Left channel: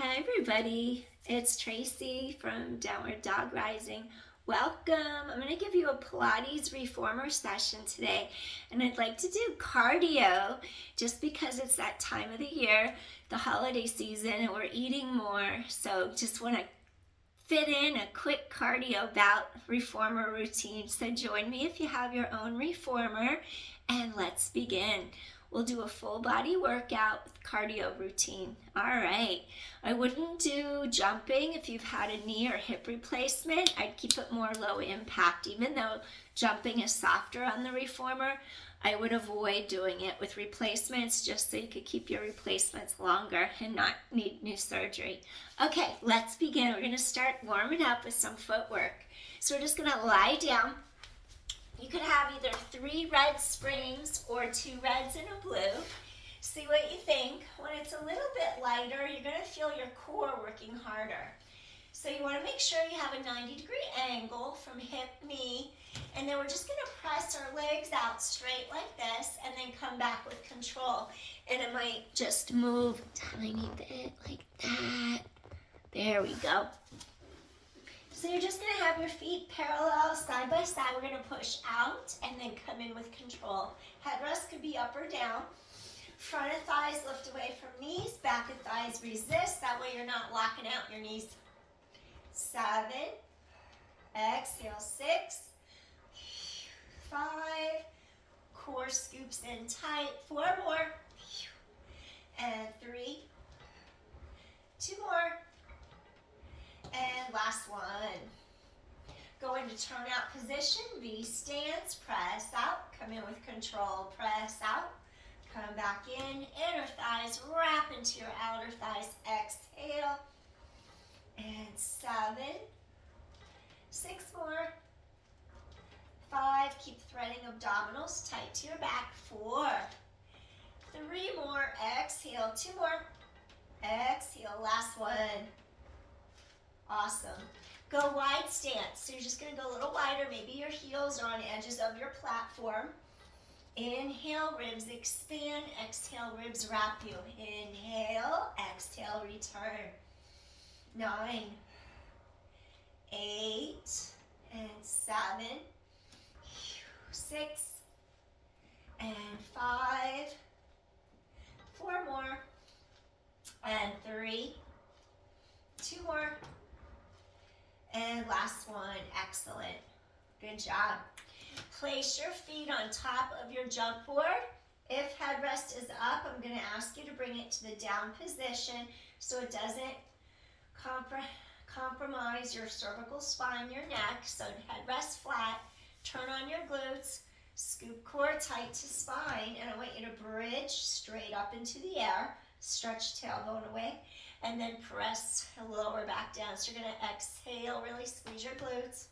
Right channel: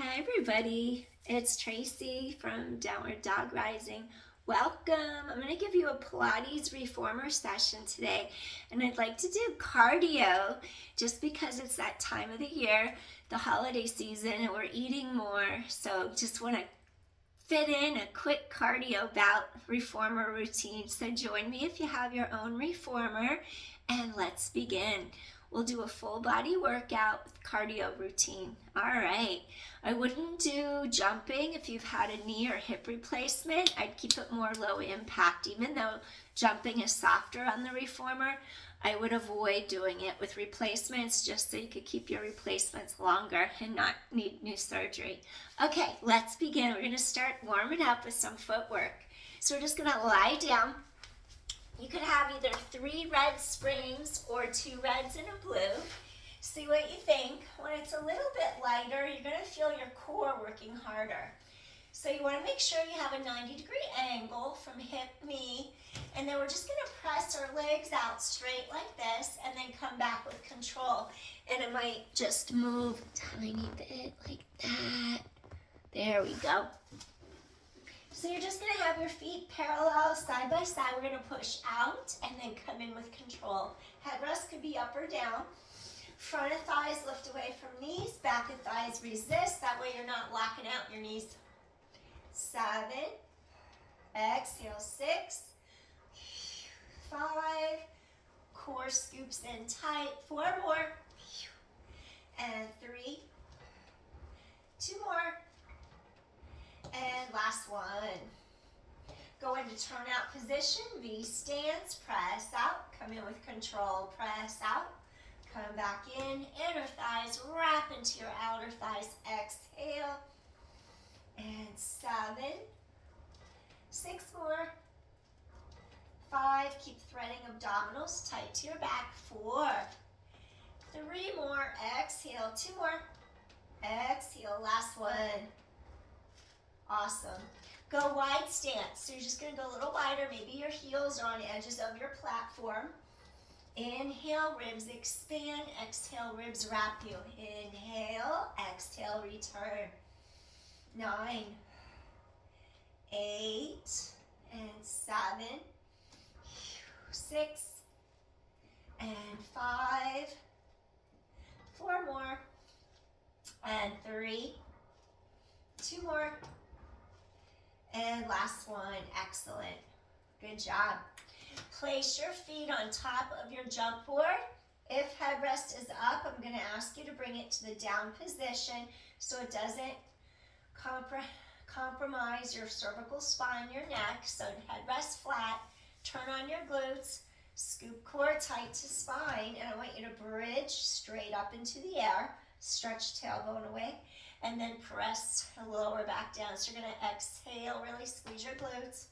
Hi everybody, it's Tracy from Downward Dog Rising. Welcome. I'm going to give you a Pilates reformer session today, and I'd like to do cardio just because it's that time of the year, the holiday season, and we're eating more. So just want to fit in a quick cardio bout reformer routine. So join me if you have your own reformer, and let's begin. We'll do a full body workout with cardio routine. All right. I wouldn't do jumping if you've had a knee or hip replacement. I'd keep it more low impact. Even though jumping is softer on the reformer, I would avoid doing it with replacements just so you could keep your replacements longer and not need new surgery. Okay, let's begin. We're going to start warming up with some footwork. So we're just going to lie down. You could have either 3 red springs or 2 reds and a blue. See what you think. When it's a little bit lighter, you're going to feel your core working harder. So you want to make sure you have a 90-degree angle from hip, knee, and then we're just going to press our legs out straight like this and then come back with control. And it might just move a tiny bit like that. There we go. So you're just going to have your feet parallel side by side. We're going to push out and then come in with control. Headrest could be up or down. Front of thighs lift away from knees. Back of thighs resist. That way you're not locking out your knees. 7. Exhale. 6. 5. Core scoops in tight. 4 more. And 3. 2 more. And last one. Go into turnout position, V stance, press out, come in with control, press out, come back in, inner thighs wrap into your outer thighs, exhale, and 7, 6 more, 5, keep threading abdominals tight to your back, 4, 3 more, exhale, 2 more, exhale, last one. Awesome. Go wide stance. So you're just going to go a little wider. Maybe your heels are on edges of your platform. Inhale, ribs expand. Exhale, ribs wrap you. Inhale, exhale, return. 9, 8, and 7, 6, and 5, 4 more, and 3, 2 more. And last one, excellent. Good job. Place your feet on top of your jump board. If headrest is up, I'm going to ask you to bring it to the down position so it doesn't compromise your cervical spine, your neck. So headrest flat, turn on your glutes, scoop core tight to spine, and I want you to bridge straight up into the air, stretch tailbone away, and then press and lower back down. So you're going to exhale, really squeeze your glutes,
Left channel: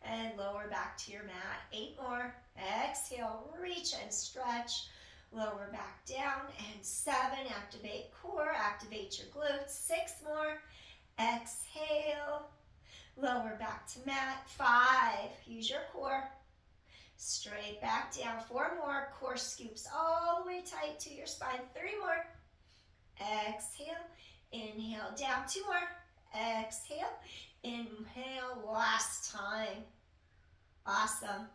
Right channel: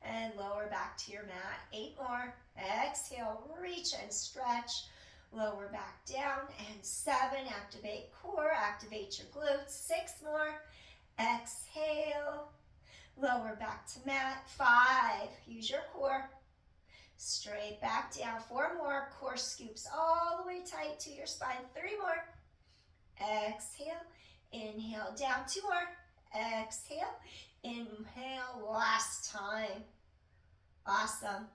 and lower back to your mat. 8 more. Exhale, reach and stretch. Lower back down. And 7, activate core, activate your glutes. 6 more. Exhale, lower back to mat. 5, use your core. Straight back down. 4 more. Core scoops all the way tight to your spine. 3 more. Exhale. Inhale, down. 2 more. Exhale. Inhale, last time. Awesome.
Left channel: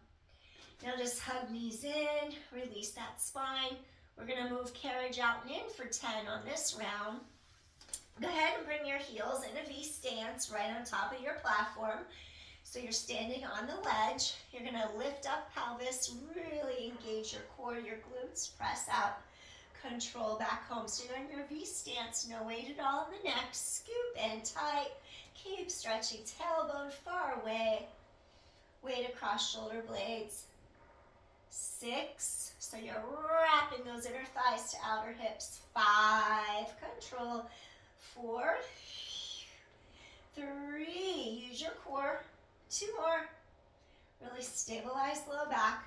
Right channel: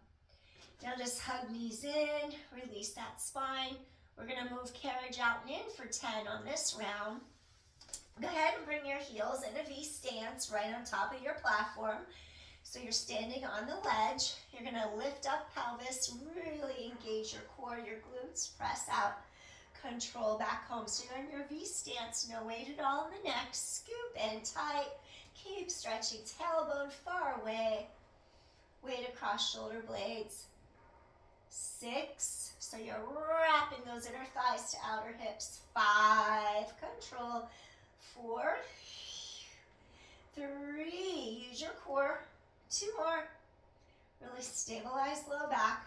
Now just hug knees in, release that spine. We're going to move carriage out and in for 10 on this round. Go ahead and bring your heels in a V stance right on top of your platform. So you're standing on the ledge. You're going to lift up pelvis, really engage your core, your glutes, press out. Control back home. So you're in your V stance, no weight at all in the neck. Scoop in tight. Keep stretching tailbone far away. Weight across shoulder blades. 6. So you're wrapping those inner thighs to outer hips. 5. Control. 4. 3. Use your core. 2 more. Really stabilize low back.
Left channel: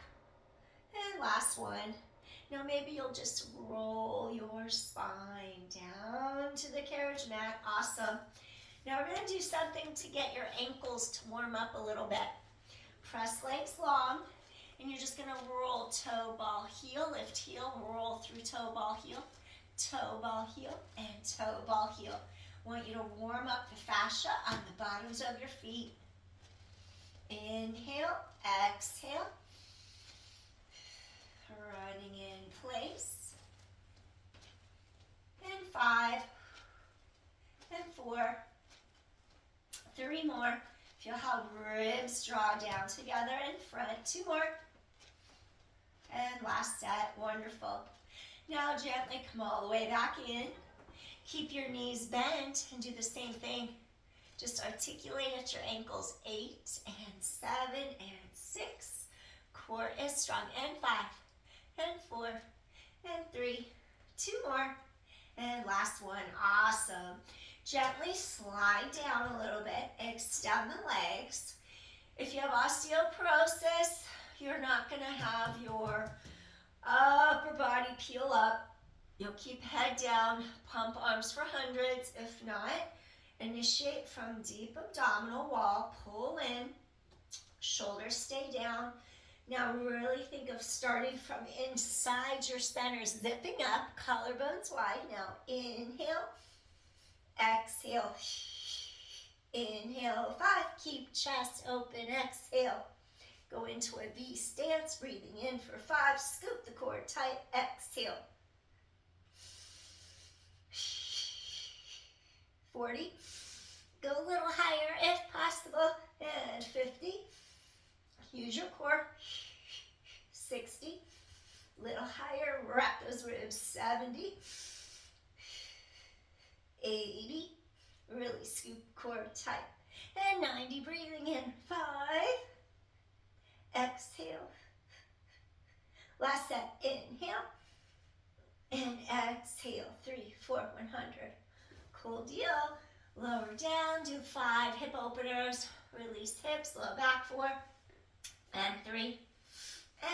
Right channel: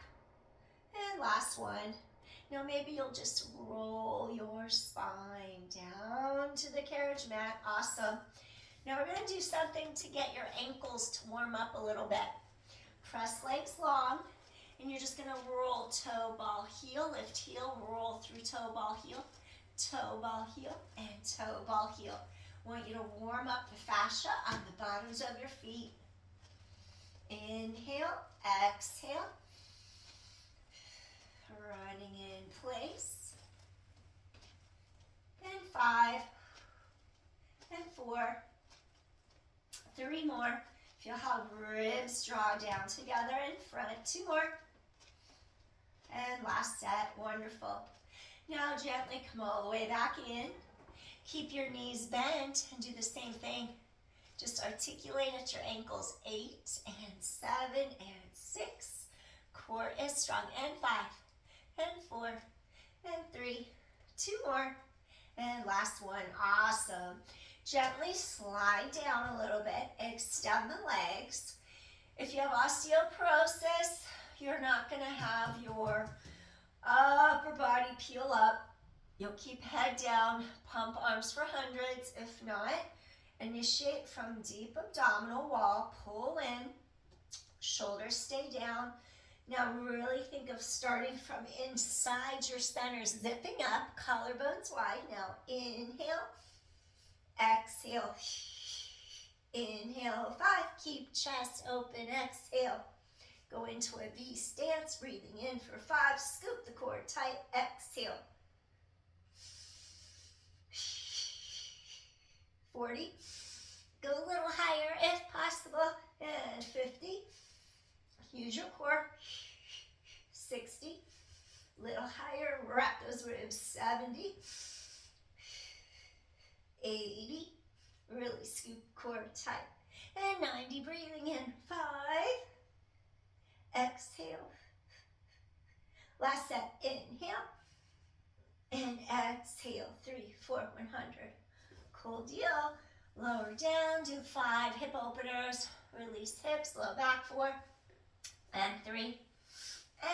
And last one. Now maybe you'll just roll your spine down to the carriage mat. Awesome. Now we're going to do something to get your ankles to warm up a little bit. Press legs long, and you're just going to roll toe, ball, heel, lift heel, roll through toe, ball, heel, and toe, ball, heel. I want you to warm up the fascia on the bottoms of your feet. Inhale, exhale. Running in place. And 5, and 4, 3 more. Feel how ribs draw down together in front. 2 more. And last set, wonderful. Now gently come all the way back in. Keep your knees bent and do the same thing. Just articulate at your ankles. 8 and 7 and 6. Core is strong. And 5 and 4 and 3. 2 more. And last one. Awesome. Gently slide down a little bit. Extend the legs. If you have osteoporosis, you're not going to have your upper body peel up. You'll keep head down, pump arms for hundreds. If not, initiate from deep abdominal wall, pull in, shoulders stay down. Now really think of starting from inside your center, zipping up, collarbones wide. Now inhale, exhale, inhale, 5, keep chest open, exhale. Go into a V stance, breathing in for 5, scoop the core tight, exhale. 40, go a little higher if possible, and 50, use your core, 60, little higher, wrap those ribs, 70, 80, really scoop core tight, and 90, breathing in, 5, exhale, last set, inhale, and exhale, 3, 4, 100, cool deal, lower down, do 5 hip openers, release hips, low back, 4, and 3,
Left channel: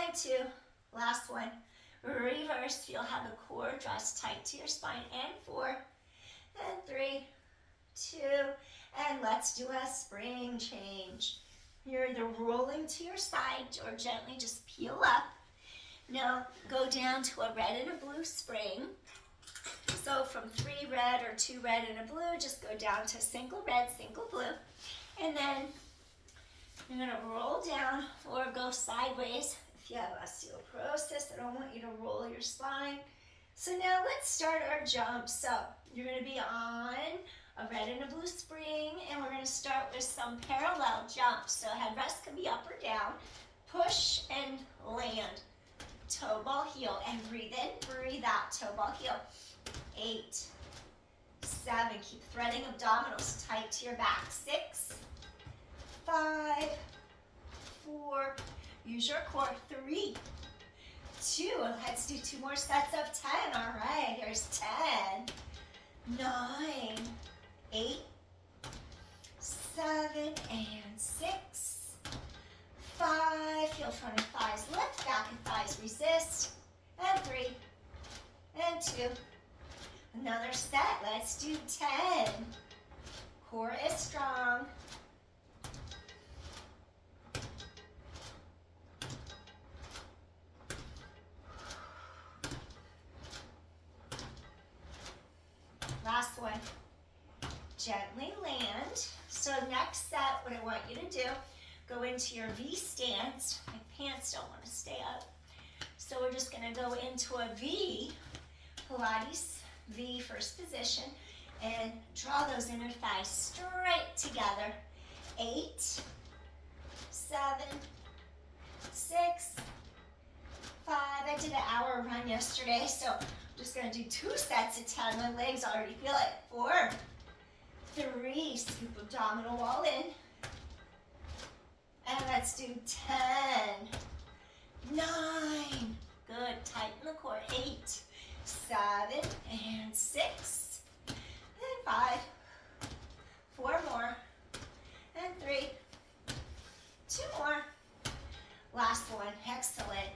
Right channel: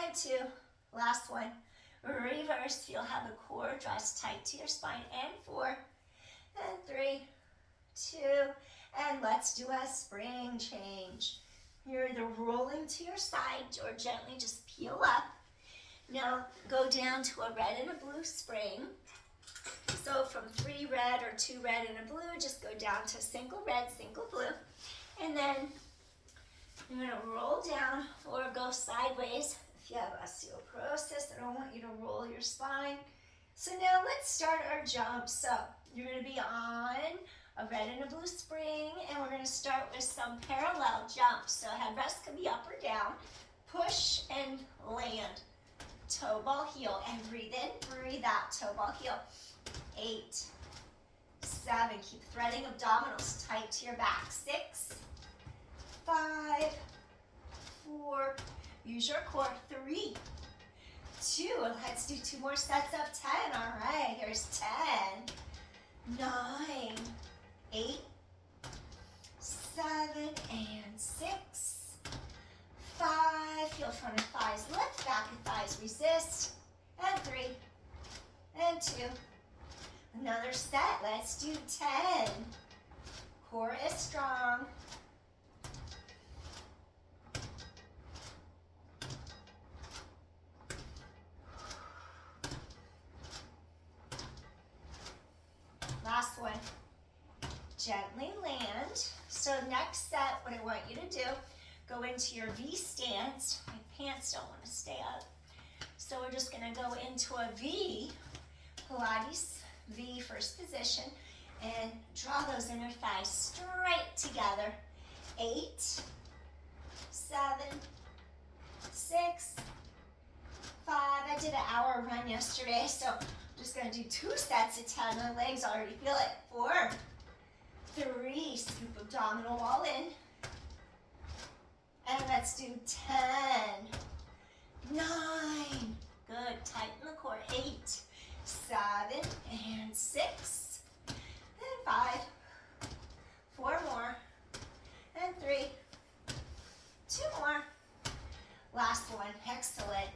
and 2, last one, reverse, you'll have the core draws tight to your spine, and 4, and 3, 2, and let's do a spring change. You're either rolling to your side or gently just peel up. Now go down to a red and a blue spring. So from 3 red or 2 red and a blue, just go down to single red, single blue. And then you're gonna roll down or go sideways. If you have osteoporosis, I don't want you to roll your spine. So now let's start our jump. So you're gonna be on a red and a blue spring, and we're gonna start with some parallel jumps. So headrest can be up or down. Push and land. Toe ball heel, and breathe in, breathe out, toe ball heel. 8, 7, keep threading abdominals tight to your back. 6, 5, 4, use your core. 3, 2, let's do 2 more sets of 10. All right, here's 10, 9, 8, 7, and 6, 5, feel front of thighs lift, back of thighs resist, and 3, and 2, another set, let's do 10, core is strong, last one, gently land. So next set, what I want you to do, go into your V stance. My pants don't want to stay up. So we're just gonna go into a V, Pilates, V first position, and draw those inner thighs straight together. 8, 7, 6, 5, I did an hour run yesterday, so I'm just gonna do 2 sets of 10. My legs already feel it. 4, 3, scoop abdominal wall in. And let's do 10, 9, good, tighten the core. 8, 7, and 6, and 5, 4 more, and 3, 2 more, last one, excellent.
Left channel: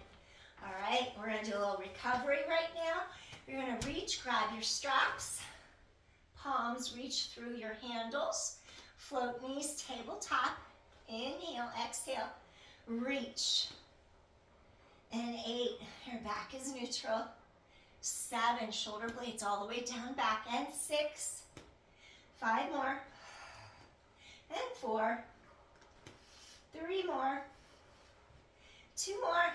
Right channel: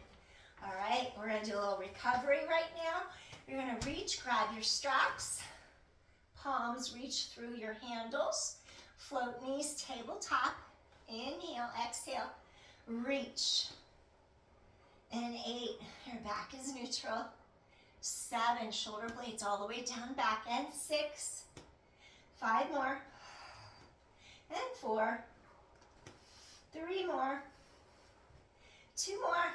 All right, we're gonna do a little recovery right now. You're gonna reach, grab your straps, palms reach through your handles, float knees tabletop, inhale, exhale, reach, and 8, your back is neutral, 7, shoulder blades all the way down back, and 6, 5 more. And 4. 3 more. 2 more.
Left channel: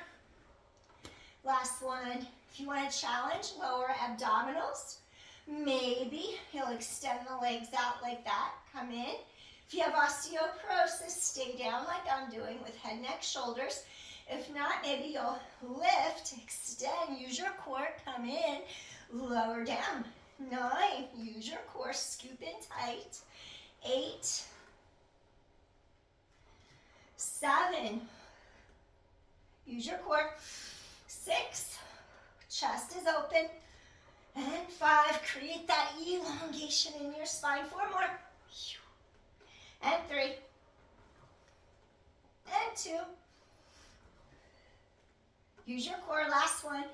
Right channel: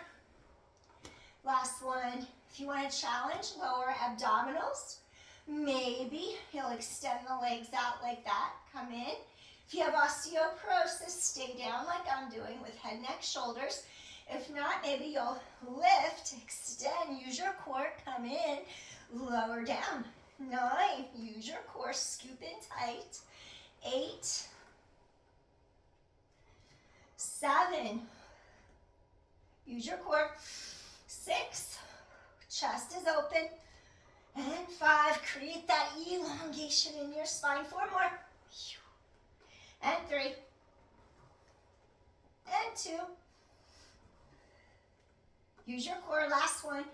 Last one. If you want to challenge lower abdominals, maybe you'll extend the legs out like that. Come in. If you have osteoporosis, stay down like I'm doing with head, neck, shoulders. If not, maybe you'll lift, extend, use your core, come in, lower down. 9, use your core, scoop in tight. 8, 7, use your core. 6, chest is open. And 5, create that elongation in your spine. 4 more. And 3. And 2. Use your core, last one.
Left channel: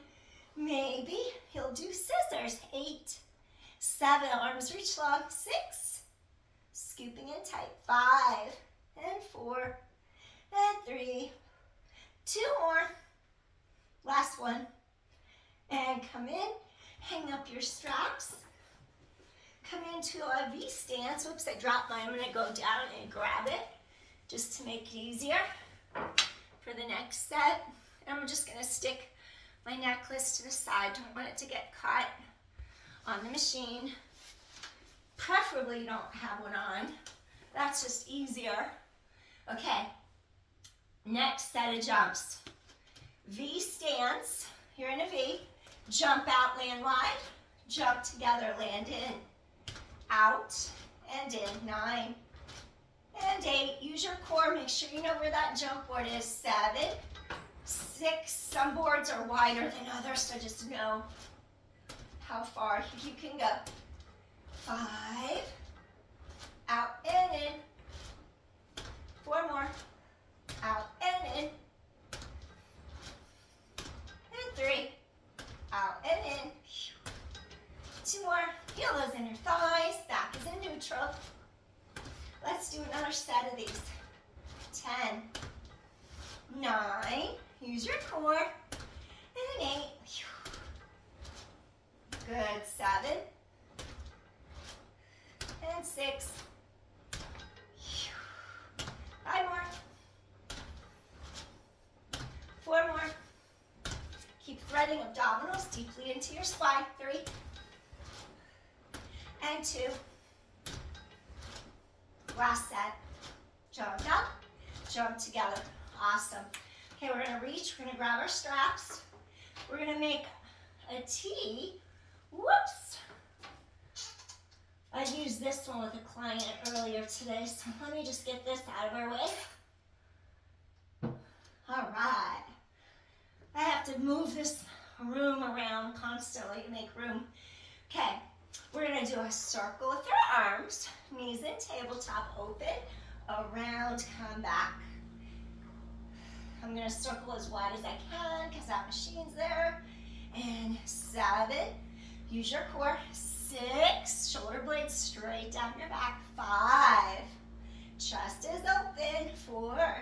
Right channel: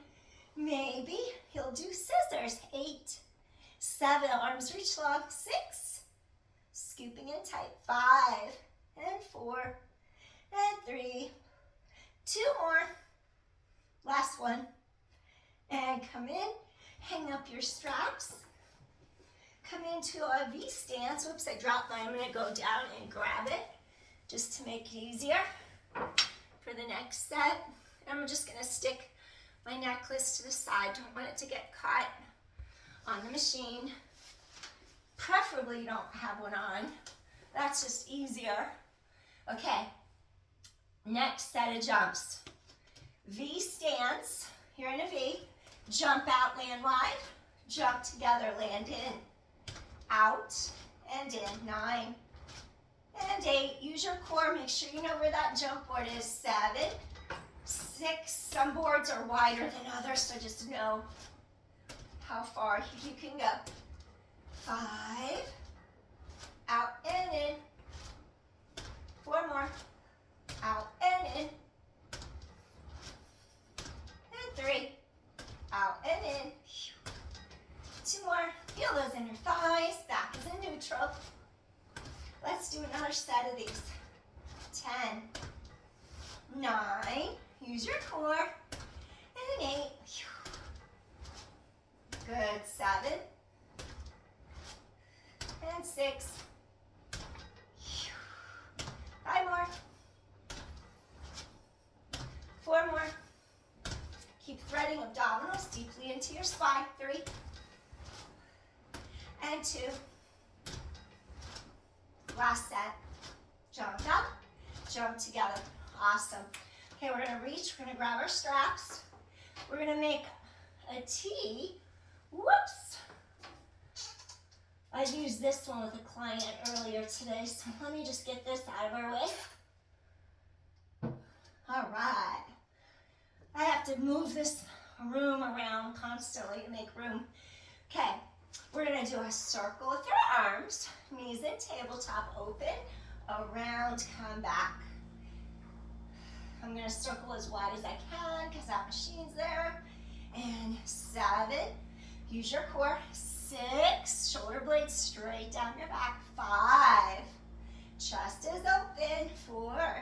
Maybe you'll do scissors. 8, 7, arms reach long. 6, scooping in tight. 5, and 4, and 3. 2 more. Last one. And come in, hang up your straps. Come into a V stance. Oops, I dropped mine. I'm gonna go down and grab it just to make it easier for the next set. I'm just gonna stick my necklace to the side. Don't want it to get caught on the machine. Preferably you don't have one on. That's just easier. Okay, next set of jumps. V stance, you're in a V. Jump out, land wide. Jump together, land in. Out and in. 9 and 8. Use your core. Make sure you know where that jump board is. 7, 6. Some boards are wider than others, so just know how far you can go. 5. Out and in. 4 more. Out and in. And 3. Out and in. 2 more. Feel those inner thighs. Back is in neutral. Let's do another set of these. 10. 9. Use your core. And 8. Good. 7. And 6. 5 more. 4 more. Keep threading abdominals deeply into your spine. 3. And 2. Last set. Jump up, jump together. Awesome. Okay, we're gonna reach, we're gonna grab our straps. We're gonna make a T. Whoops. I used this one with a client earlier today, so let me just get this out of our way. All right. I have to move this room around constantly to make room. Okay, we're gonna do a circle with our arms, knees in tabletop, open, around, come back. I'm gonna circle as wide as I can because that machine's there. And 7, use your core. 6, shoulder blades straight down your back. 5, chest is open. 4,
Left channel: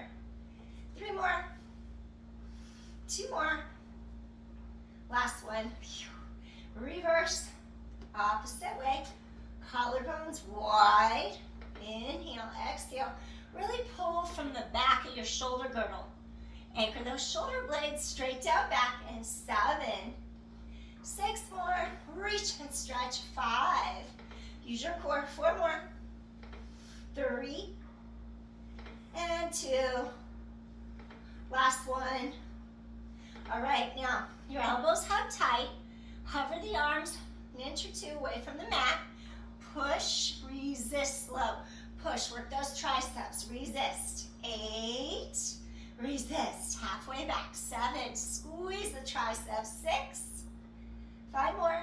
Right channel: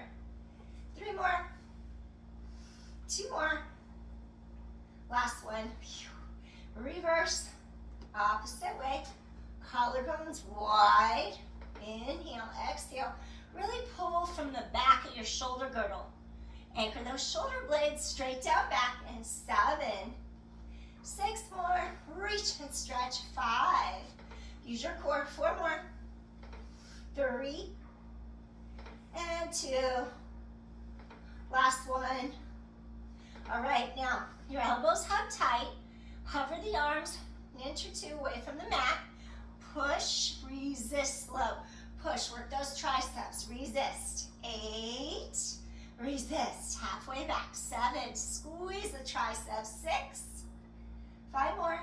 3 more. 2 more. Last one. Reverse, opposite way. Collarbones wide. Inhale, exhale. Really pull from the back of your shoulder girdle. Anchor those shoulder blades straight down back. And 7, 6 more. Reach and stretch. 5. Use your core. 4 more. 3 and 2. Last one. All right, now your elbows hug tight. Hover the arms an inch or 2 away from the mat. Push, resist slow. Push, work those triceps. Resist. 8, resist. Halfway back. 7, squeeze the triceps. 6, 5 more.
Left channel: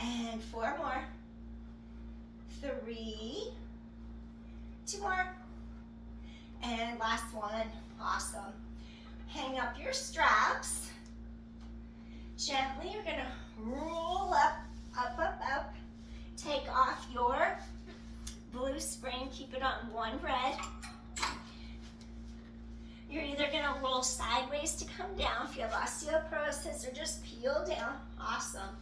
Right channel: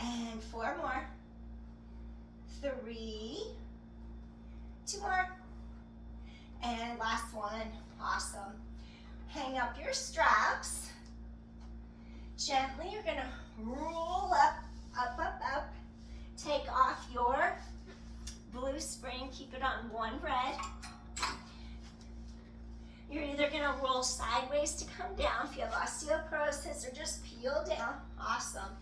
And 4 more. 3, 2 more. And last one. Awesome. Hang up your straps. Gently, you're gonna roll up, up, up, up. Take off your blue spring, keep it on one red. You're either gonna roll sideways to come down if you have osteoporosis, or just peel down. Awesome.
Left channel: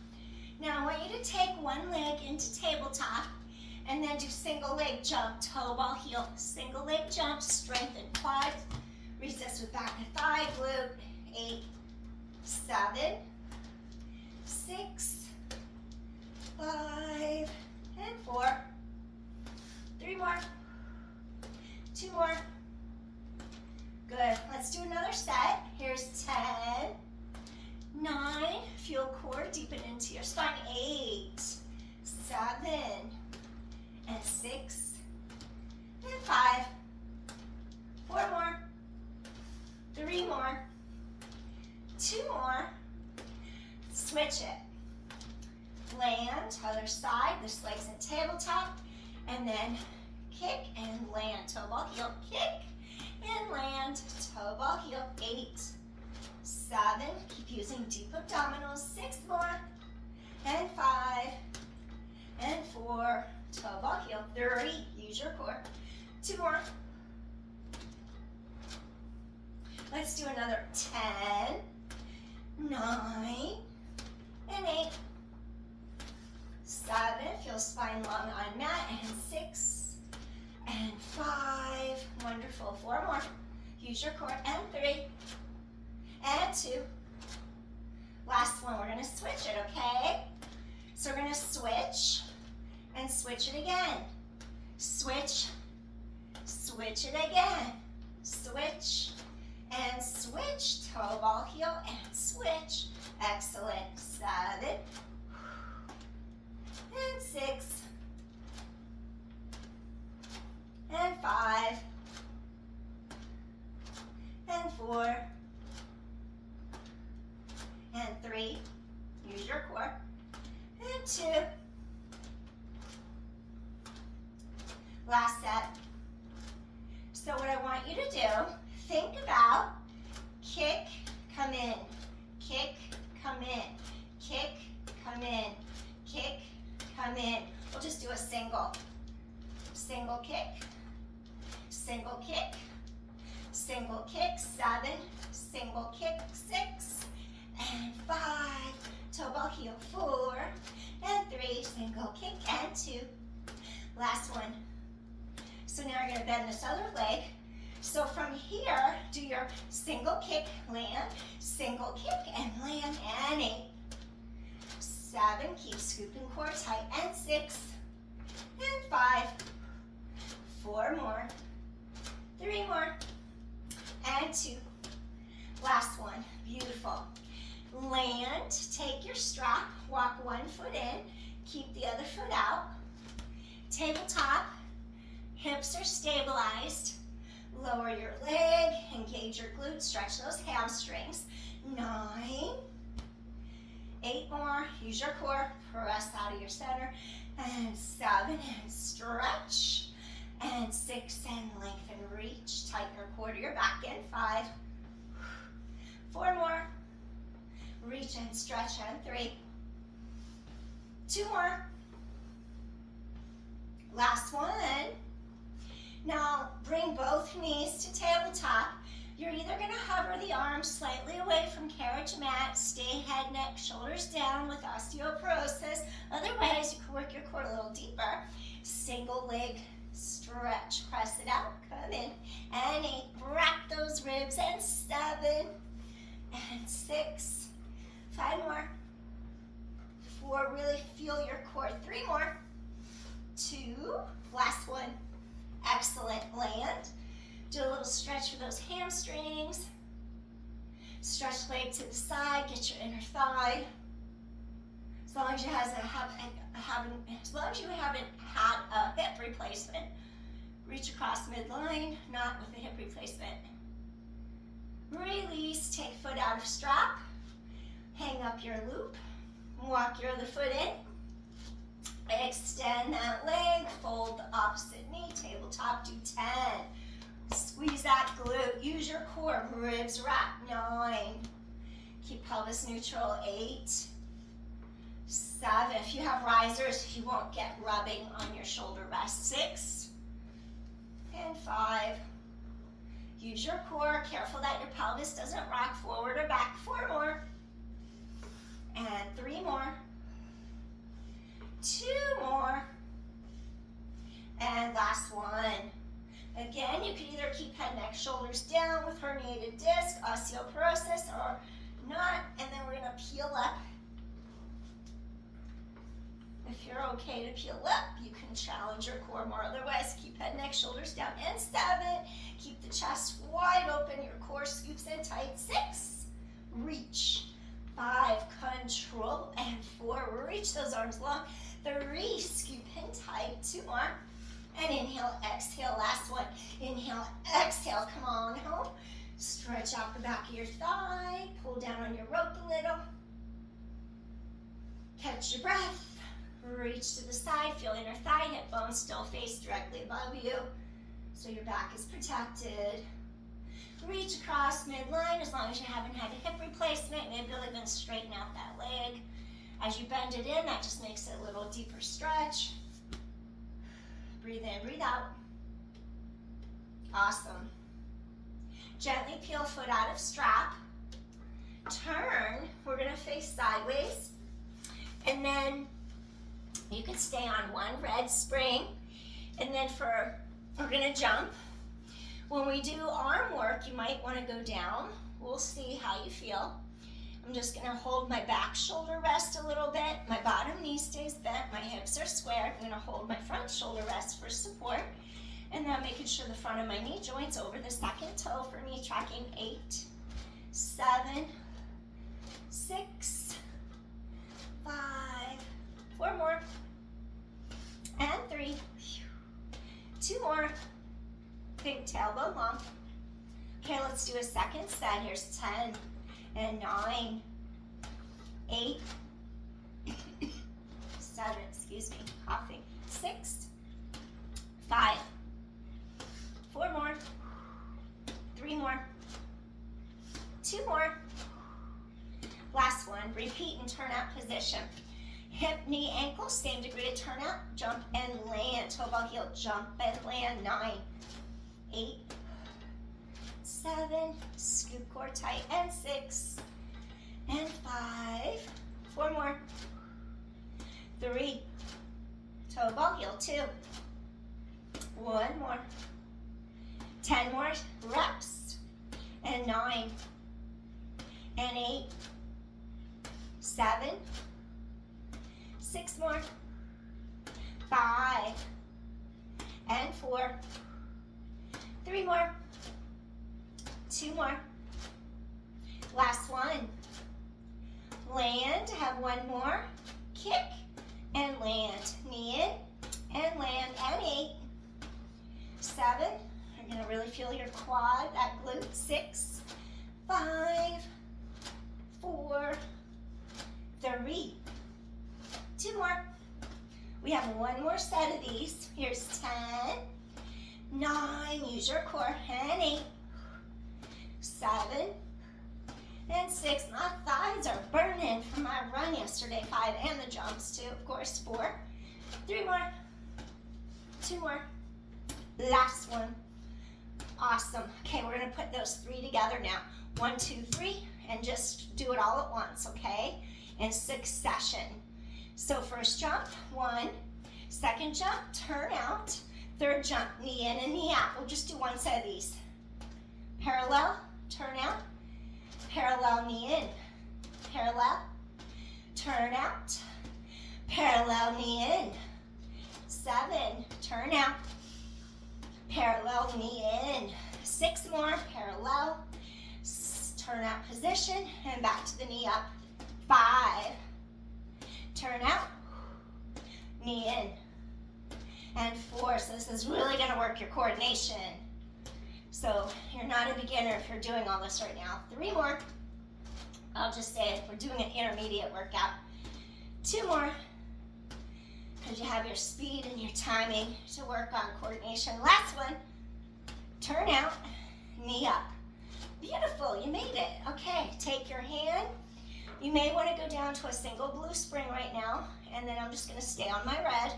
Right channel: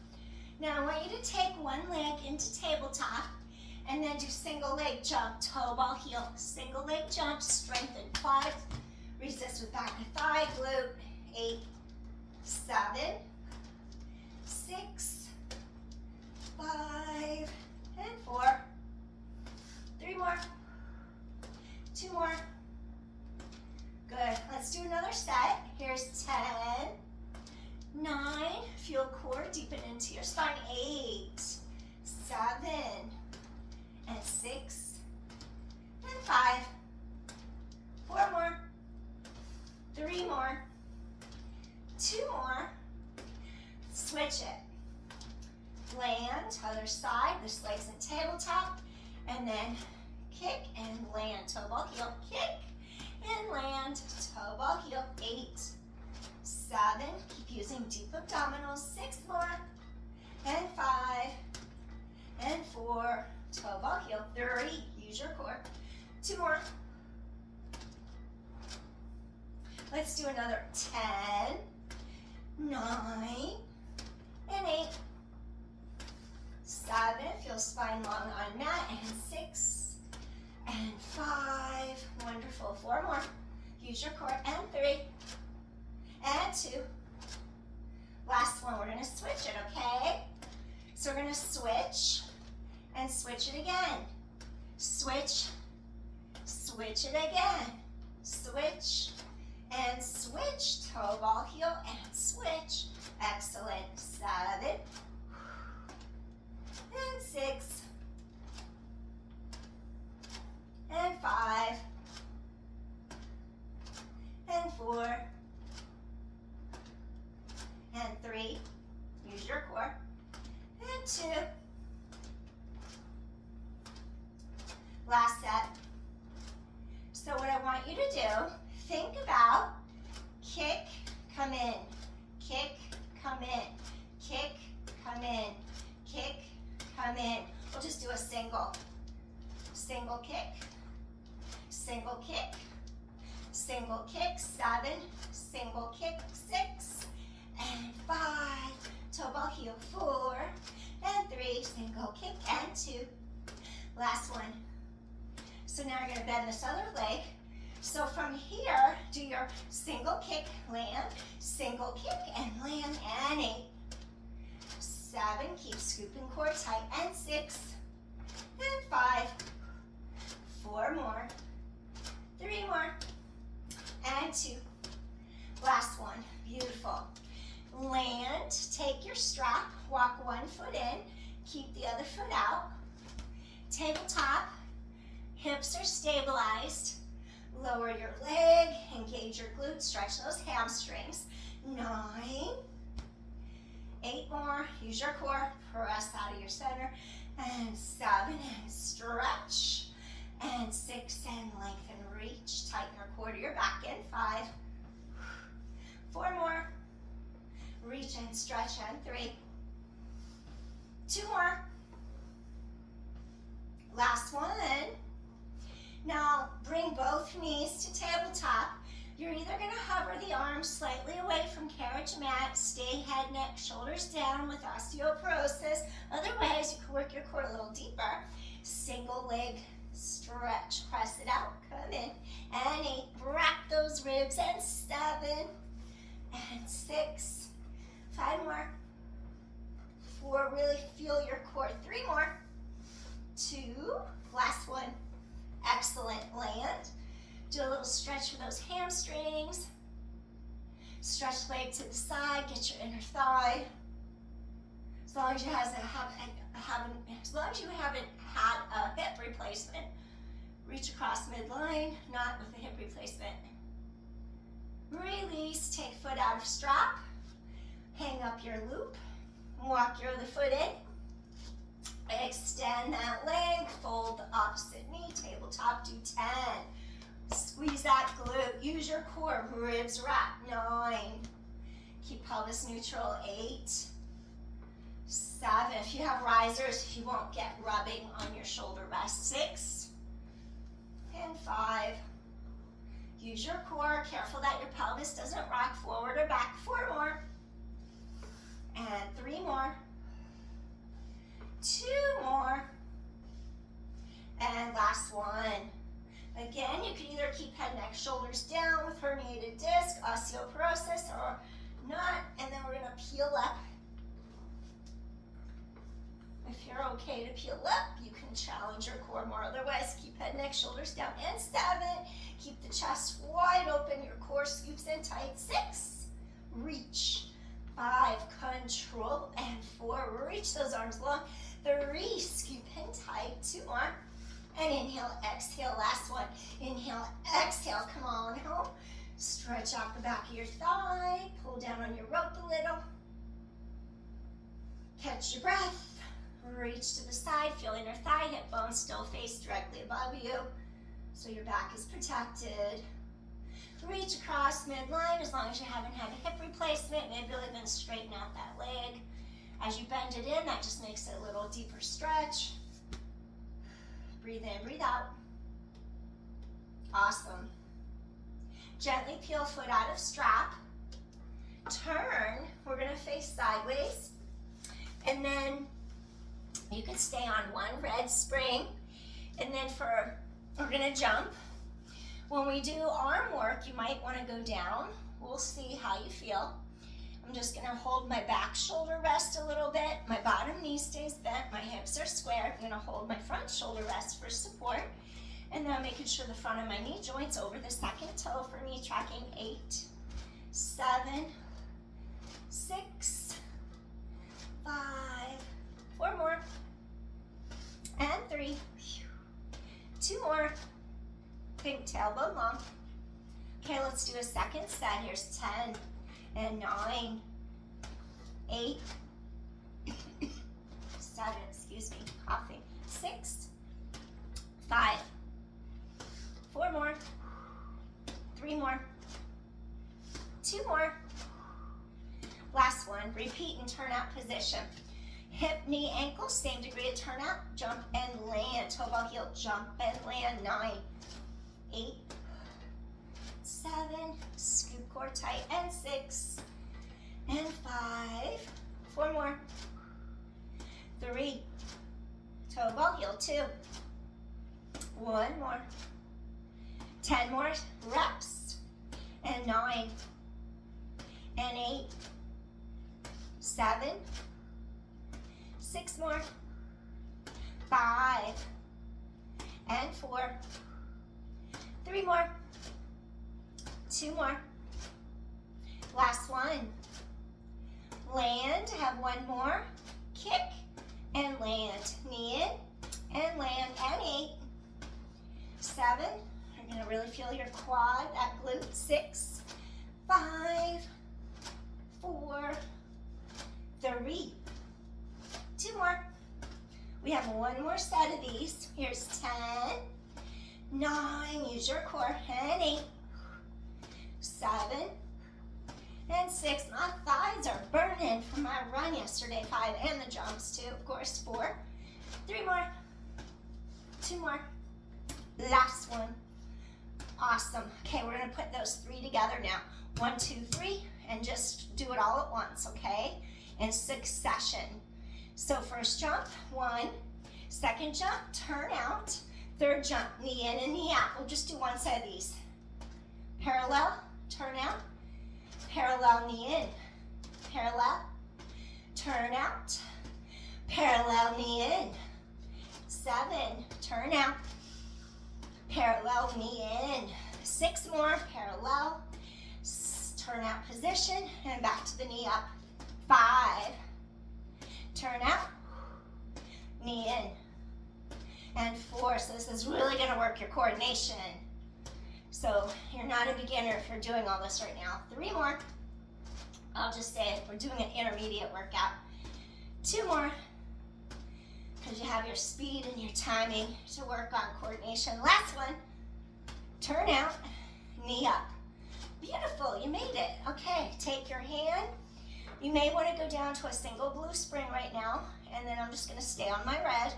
Now I want you to take one leg into tabletop and And then do single leg jump, toe ball heel. Single leg jump, strengthen quads. Resist with back of thigh, glute. 8, 7, 6, 5, and 4. 3 more. 2 more. Good. Let's do another set. Here's 10, 9. Feel core deepen into your spine. 8, 7, and 6, and 5. 4 more. 3 more. 2 more. Switch it. Land, other side. This leg's in tabletop. And then kick and land. Toe ball heel, kick and land. Toe ball heel. 8, 7. Keep using deep abdominals. 6 more. And 5. And 4. Toe ball heel. 3. Use your core. 2 more. Let's do another 10, 9, and 8. 7. Feel spine long on mat. And 6. And 5. Wonderful. 4 more. Use your core. And 3. And 2. Last one. We're going to switch it, okay? So we're going to switch and switch it again. Switch. Switch it again. Switch and switch. Toe ball heel and switch. Excellent. 7 and 6 and 5 and 4 and 3. Use your core. And 2. Last set. So what I want you to do, think about kick, come in, kick, come in, kick, come in, kick, come in. We'll just do a single. Single kick, single kick, single kick. 7, single kick. 6 and 5. Toe ball heel. 4 and 3. Single kick and 2. Last one. So now you're going to bend this other leg. So from here, do your single kick, land, single kick, and land, and 8. 7, keep scooping core tight, and 6, and 5. 4 more. 3 more. And 2. Last one. Beautiful. Land, take your strap, walk one foot in, keep the other foot out. Tabletop, hips are stabilized. Lower your leg, engage your glutes, stretch those hamstrings. 9, 8 more, use your core, press out of your center. And 7, and stretch. And 6, and lengthen, reach, tighten your core to your back. And 5, 4 more, reach and stretch. And 3, 2 more. Last one. Now bring both knees to tabletop. You're either going to hover the arms slightly away from carriage mat, stay head, neck, shoulders down with osteoporosis. Otherwise, you can work your core a little deeper. Single leg stretch, press it out, come in. And 8, wrap those ribs. And 7, and 6, 5 more. 4, really feel your core. 3 more. 2, last one. Excellent. Land. Do a little stretch for those hamstrings. Stretch leg to the side, get your inner thigh. As long as you haven't had a hip replacement, reach across midline, not with a hip replacement. Release, take foot out of strap, hang up your loop, walk your other foot in. Extend that leg, fold the opposite knee, tabletop, do 10. Squeeze that glute, use your core, ribs wrap. 9. Keep pelvis neutral. 8, 7. If you have risers, you won't get rubbing on your shoulder rest. 6, and 5. Use your core, careful that your pelvis doesn't rock forward or back. 4 more. And 3 more. 2 more. And last one. Again, you can either keep head, neck, shoulders down with herniated disc, osteoporosis, or not. And then we're gonna peel up. If you're okay to peel up, you can challenge your core more. Otherwise, keep head, neck, shoulders down. And 7, keep the chest wide open. Your core scoops in tight. 6, reach. 5, control. And 4, reach those arms long. 3, scoop in tight. 2 more. And inhale, exhale. Last one. Inhale, exhale. Come on home. Stretch out the back of your thigh. Pull down on your rope a little. Catch your breath. Reach to the side. Feel inner thigh, hip bone still face directly above you. So your back is protected. Reach across midline as long as you haven't had a hip replacement. Maybe you'll even straighten out that leg. As you bend it in, that just makes it a little deeper stretch. Breathe in, breathe out. Awesome. Gently peel foot out of strap. Turn. We're going to face sideways. And then you can stay on one red spring. And then we're going to jump. When we do arm work, you might want to go down. We'll see how you feel. I'm just going to hold my back shoulder rest a little bit. My bottom knee stays bent. My hips are squared. I'm going to hold my front shoulder rest for support. And then I'm making sure the front of my knee joint's over the second toe for me, tracking 8, 7, 6, 5, 4 more, and 3, 2 more. Think tailbone long. Okay, let's do a second set. Here's 10 and 9, 8, 7, excuse me, coughing, 6, 5, 4 more, 3 more, 2 more. Last one, repeat and turn out position. Hip, knee, ankle, same degree of turn out, jump and land. Toe ball heel, jump and land. 9, 8, 7, scoop core tight, and 6, and 5, 4 more, 3, toe ball heel, 2, 1 more, 10 more reps, and 9, and 8, 7, 6 more, 5, and 4, 3 more, 2 more. Last one. Land, have 1 more. Kick and land. Knee in and land. And 8, 7. You're going to really feel your quad, that glute. 6, 5, 4, 3, 2 more. We have 1 more set of these. Here's 10, 9, use your core, and 8, 7, and 6. My thighs are burning from my run yesterday. 5, and the jumps too, of course. 4, 3 more, 2 more. Last one. Awesome. Okay, we're gonna put those 3 together now. 1, 2, 3, and just do it all at once, okay? In succession. So first jump, 1. Second jump, turn out. Third jump, knee in and knee out. We'll just do one set of these. Parallel, turn out. Parallel, knee in. Parallel, turn out. Parallel, knee in. 7, turn out. Parallel, knee in. 6 more, parallel. Turn out position, and back to the knee up. 5, turn out. Knee in. And 4, so this is really gonna work your coordination. So you're not a beginner if you're doing all this right now. 3 more. I'll just say it, we're doing an intermediate workout. 2 more, because you have your speed and your timing to work on coordination. Last one, turn out, knee up. Beautiful, you made it. Okay, take your hand. You may want to go down to a single blue spring right now, and then I'm just gonna stay on my red.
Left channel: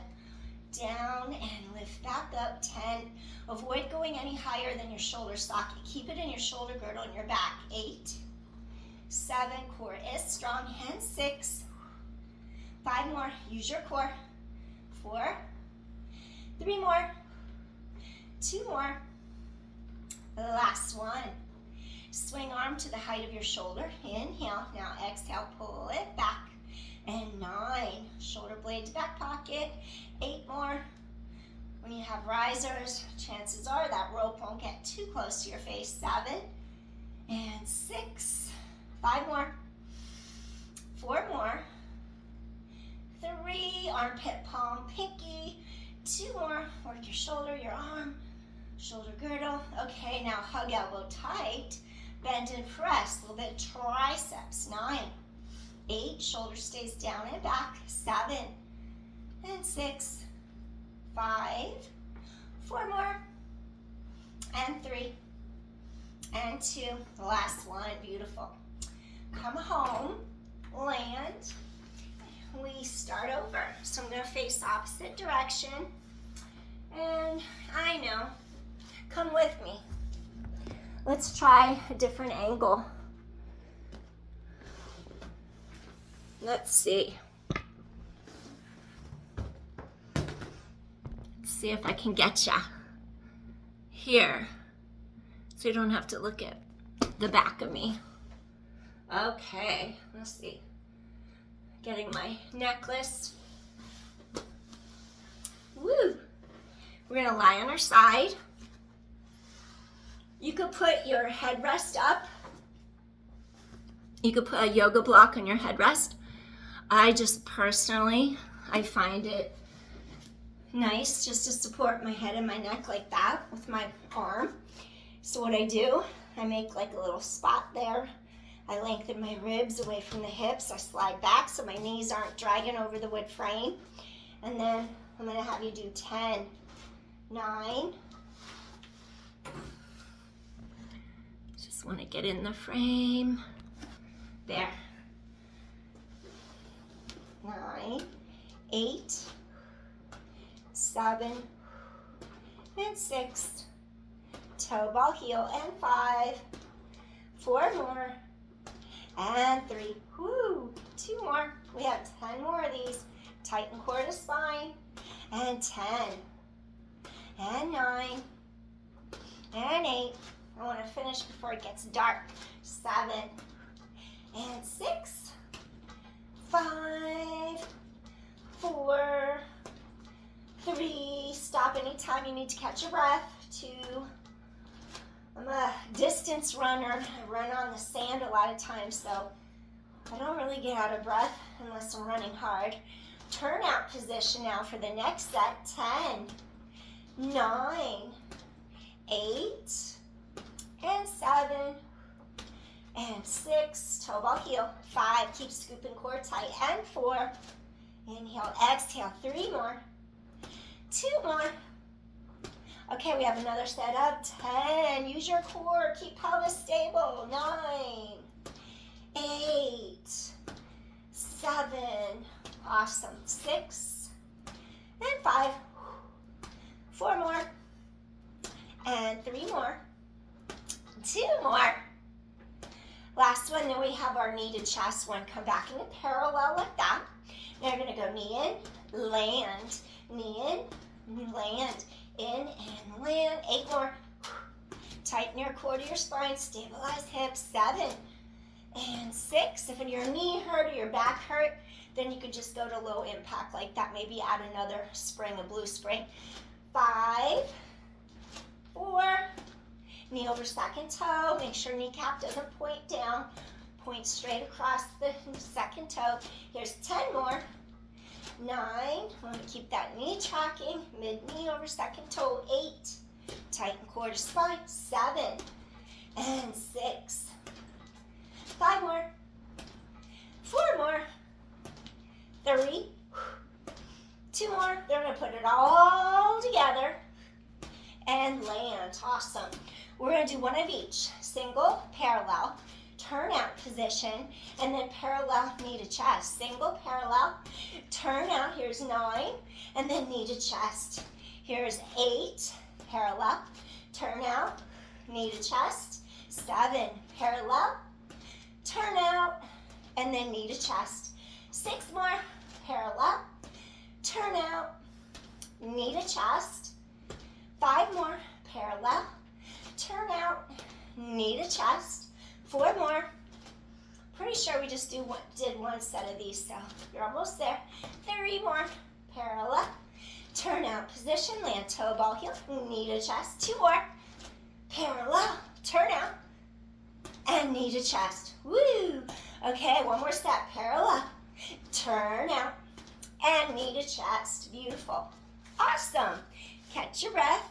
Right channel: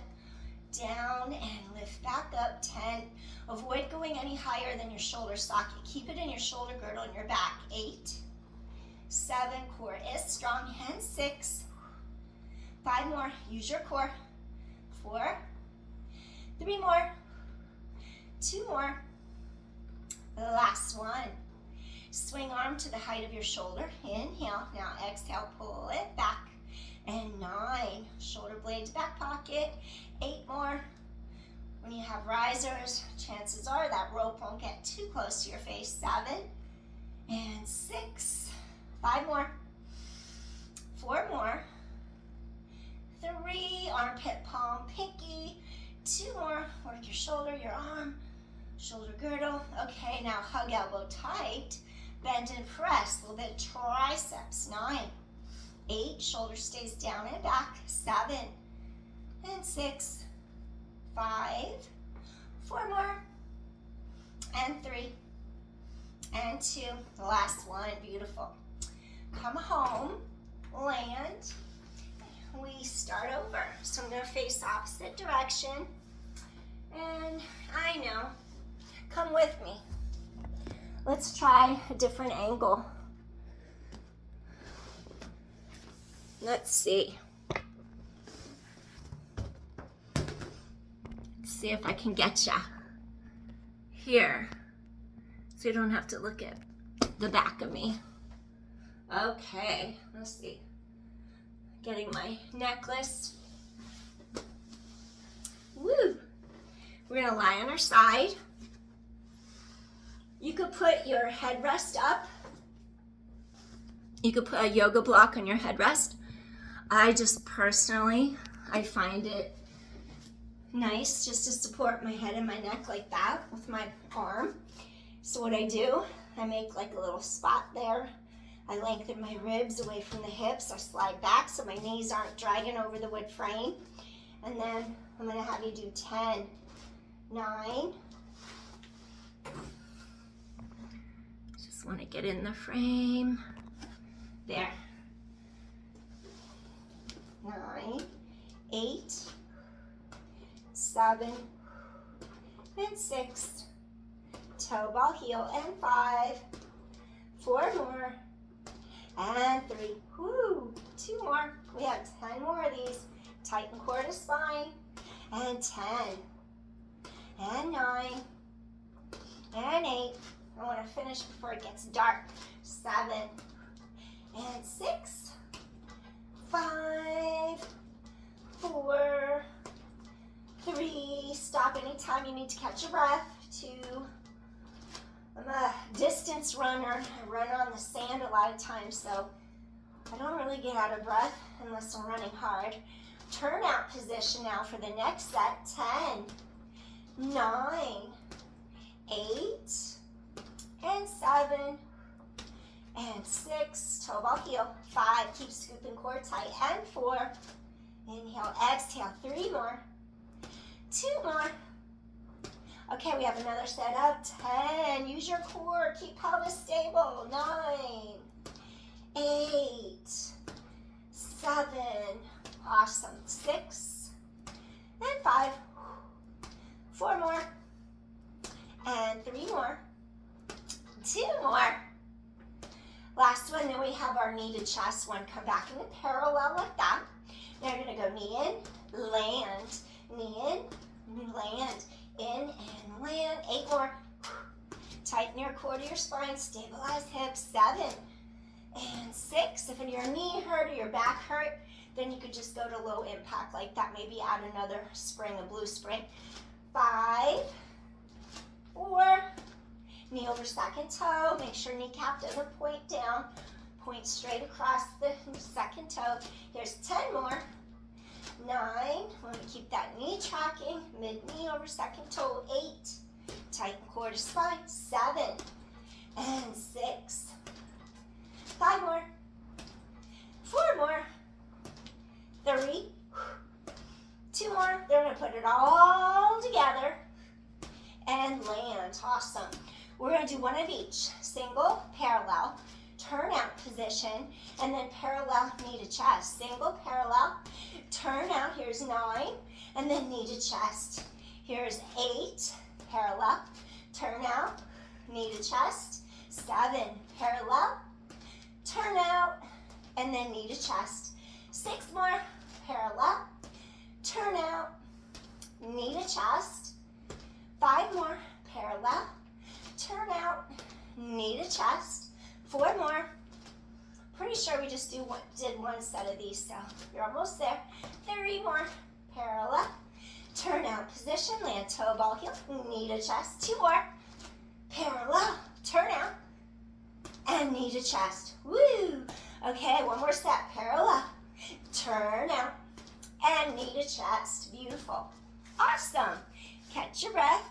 Down and lift back up. 10. Avoid going any higher than your shoulder socket. Keep it in your shoulder girdle and your back. 8, 7, core is strong. And 6, 5 more. Use your core. 4, 3 more. 2 more. Last one. Swing arm to the height of your shoulder. Inhale. Now exhale, pull it back. And 9. Shoulder blade to back pocket. 8 more. When you have risers, chances are that rope won't get too close to your face. 7 and 6. 5 more. 4 more. 3, armpit, palm, pinky. 2 more. Work your shoulder, your arm, shoulder girdle. Okay, now hug elbow tight. Bend and press. A little bit of triceps. 9, 8. Shoulder stays down and back. 7 and 6. 5. 4 more. And 3. And 2. The last one. Beautiful. Come home. Land. We start over. So I'm going to face opposite direction. And I know. Come with me. Let's try a different angle. Let's see. Let's see if I can get ya here. So you don't have to look at the back of me. Okay, let's see. Getting my necklace. Woo! We're gonna lie on our side. You could put your headrest up. You could put a yoga block on your headrest. I just personally, I find it nice just to support my head and my neck like that with my arm. So what I do, I make like a little spot there. I lengthen my ribs away from the hips. I slide back so my knees aren't dragging over the wood frame. And then I'm gonna have you do 10, 9. Just wanna get in the frame. There. 9, 8, 7, and 6. Toe ball heel, and 5. 4 more. And 3. Woo! 2 more. We have 10 more of these. Tighten core to spine. And 10. And 9. And 8. I want to finish before it gets dark. 7. And 6. 5. 4. 3. Stop anytime you need to catch your breath. 2. I'm a distance runner. I run on the sand a lot of times, so I don't really get out of breath unless I'm running hard. Turnout position now for the next set. 10, 9, 8, and 7, and 6. Toe ball heel. 5. Keep scooping core tight. And 4. Inhale, exhale. 3 more. 2 more. Okay, we have another set of 10. Use your core. Keep pelvis stable. 9, 8, 7. Awesome. 6 and 5. 4 more. And 3 more. 2 more. Last one. Then we have our knee to chest one. Come back into parallel like that. Now you're going to go knee in, land, knee in, land. In and land. 8 more. Tighten your core to your spine. Stabilize hips. 7 and 6. If your knee hurt or your back hurt, then you could just go to low impact like that. Maybe add another spring, a blue spring. 5, 4. Knee over second toe. Make sure kneecap doesn't point down. Point straight across the second toe. Here's 10 more. 9, want to keep that knee tracking, mid-knee over second toe. 8, tighten core to spine. 7, and 6. 5 more. 4 more. 3, 2 more. They're going to put it all together and land. Awesome. We're going to do one of each. Single, parallel, turn out position, and then parallel knee to chest. Single, parallel, turn out. Here's 9, and then knee to chest. Here's 8, parallel, turn out, knee to chest. 7, parallel, turn out, and then knee to chest. 6 more, parallel, turn out, knee to chest. 5 more, parallel, turn out, knee to chest, 4 more. Pretty sure we just did one set of these, so you're almost there. 3 more, parallel, turn out position, land toe ball heel, knee to chest, 2 more, parallel, turn out, and knee to chest. Woo! Okay, one more step, parallel, turn out, and knee to chest. Beautiful. Awesome. Catch your breath.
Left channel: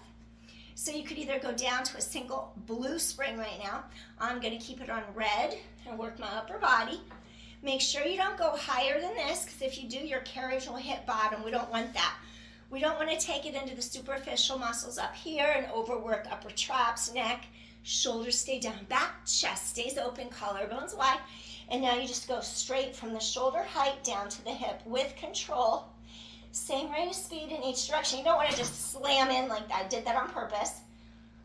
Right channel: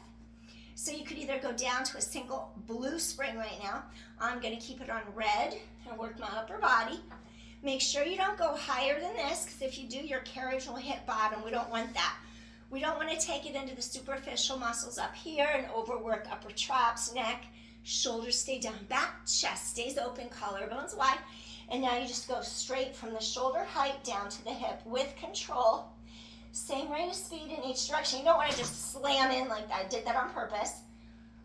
So you could either go down to a single blue spring right now. I'm going to keep it on red and work my upper body. Make sure you don't go higher than this, because if you do, your carriage will hit bottom. We don't want that. We don't want to take it into the superficial muscles up here and overwork upper traps, neck, shoulders stay down, back, chest stays open, collarbones wide. And now you just go straight from the shoulder height down to the hip with control. Same rate of speed in each direction. You don't want to just slam in like I did that on purpose.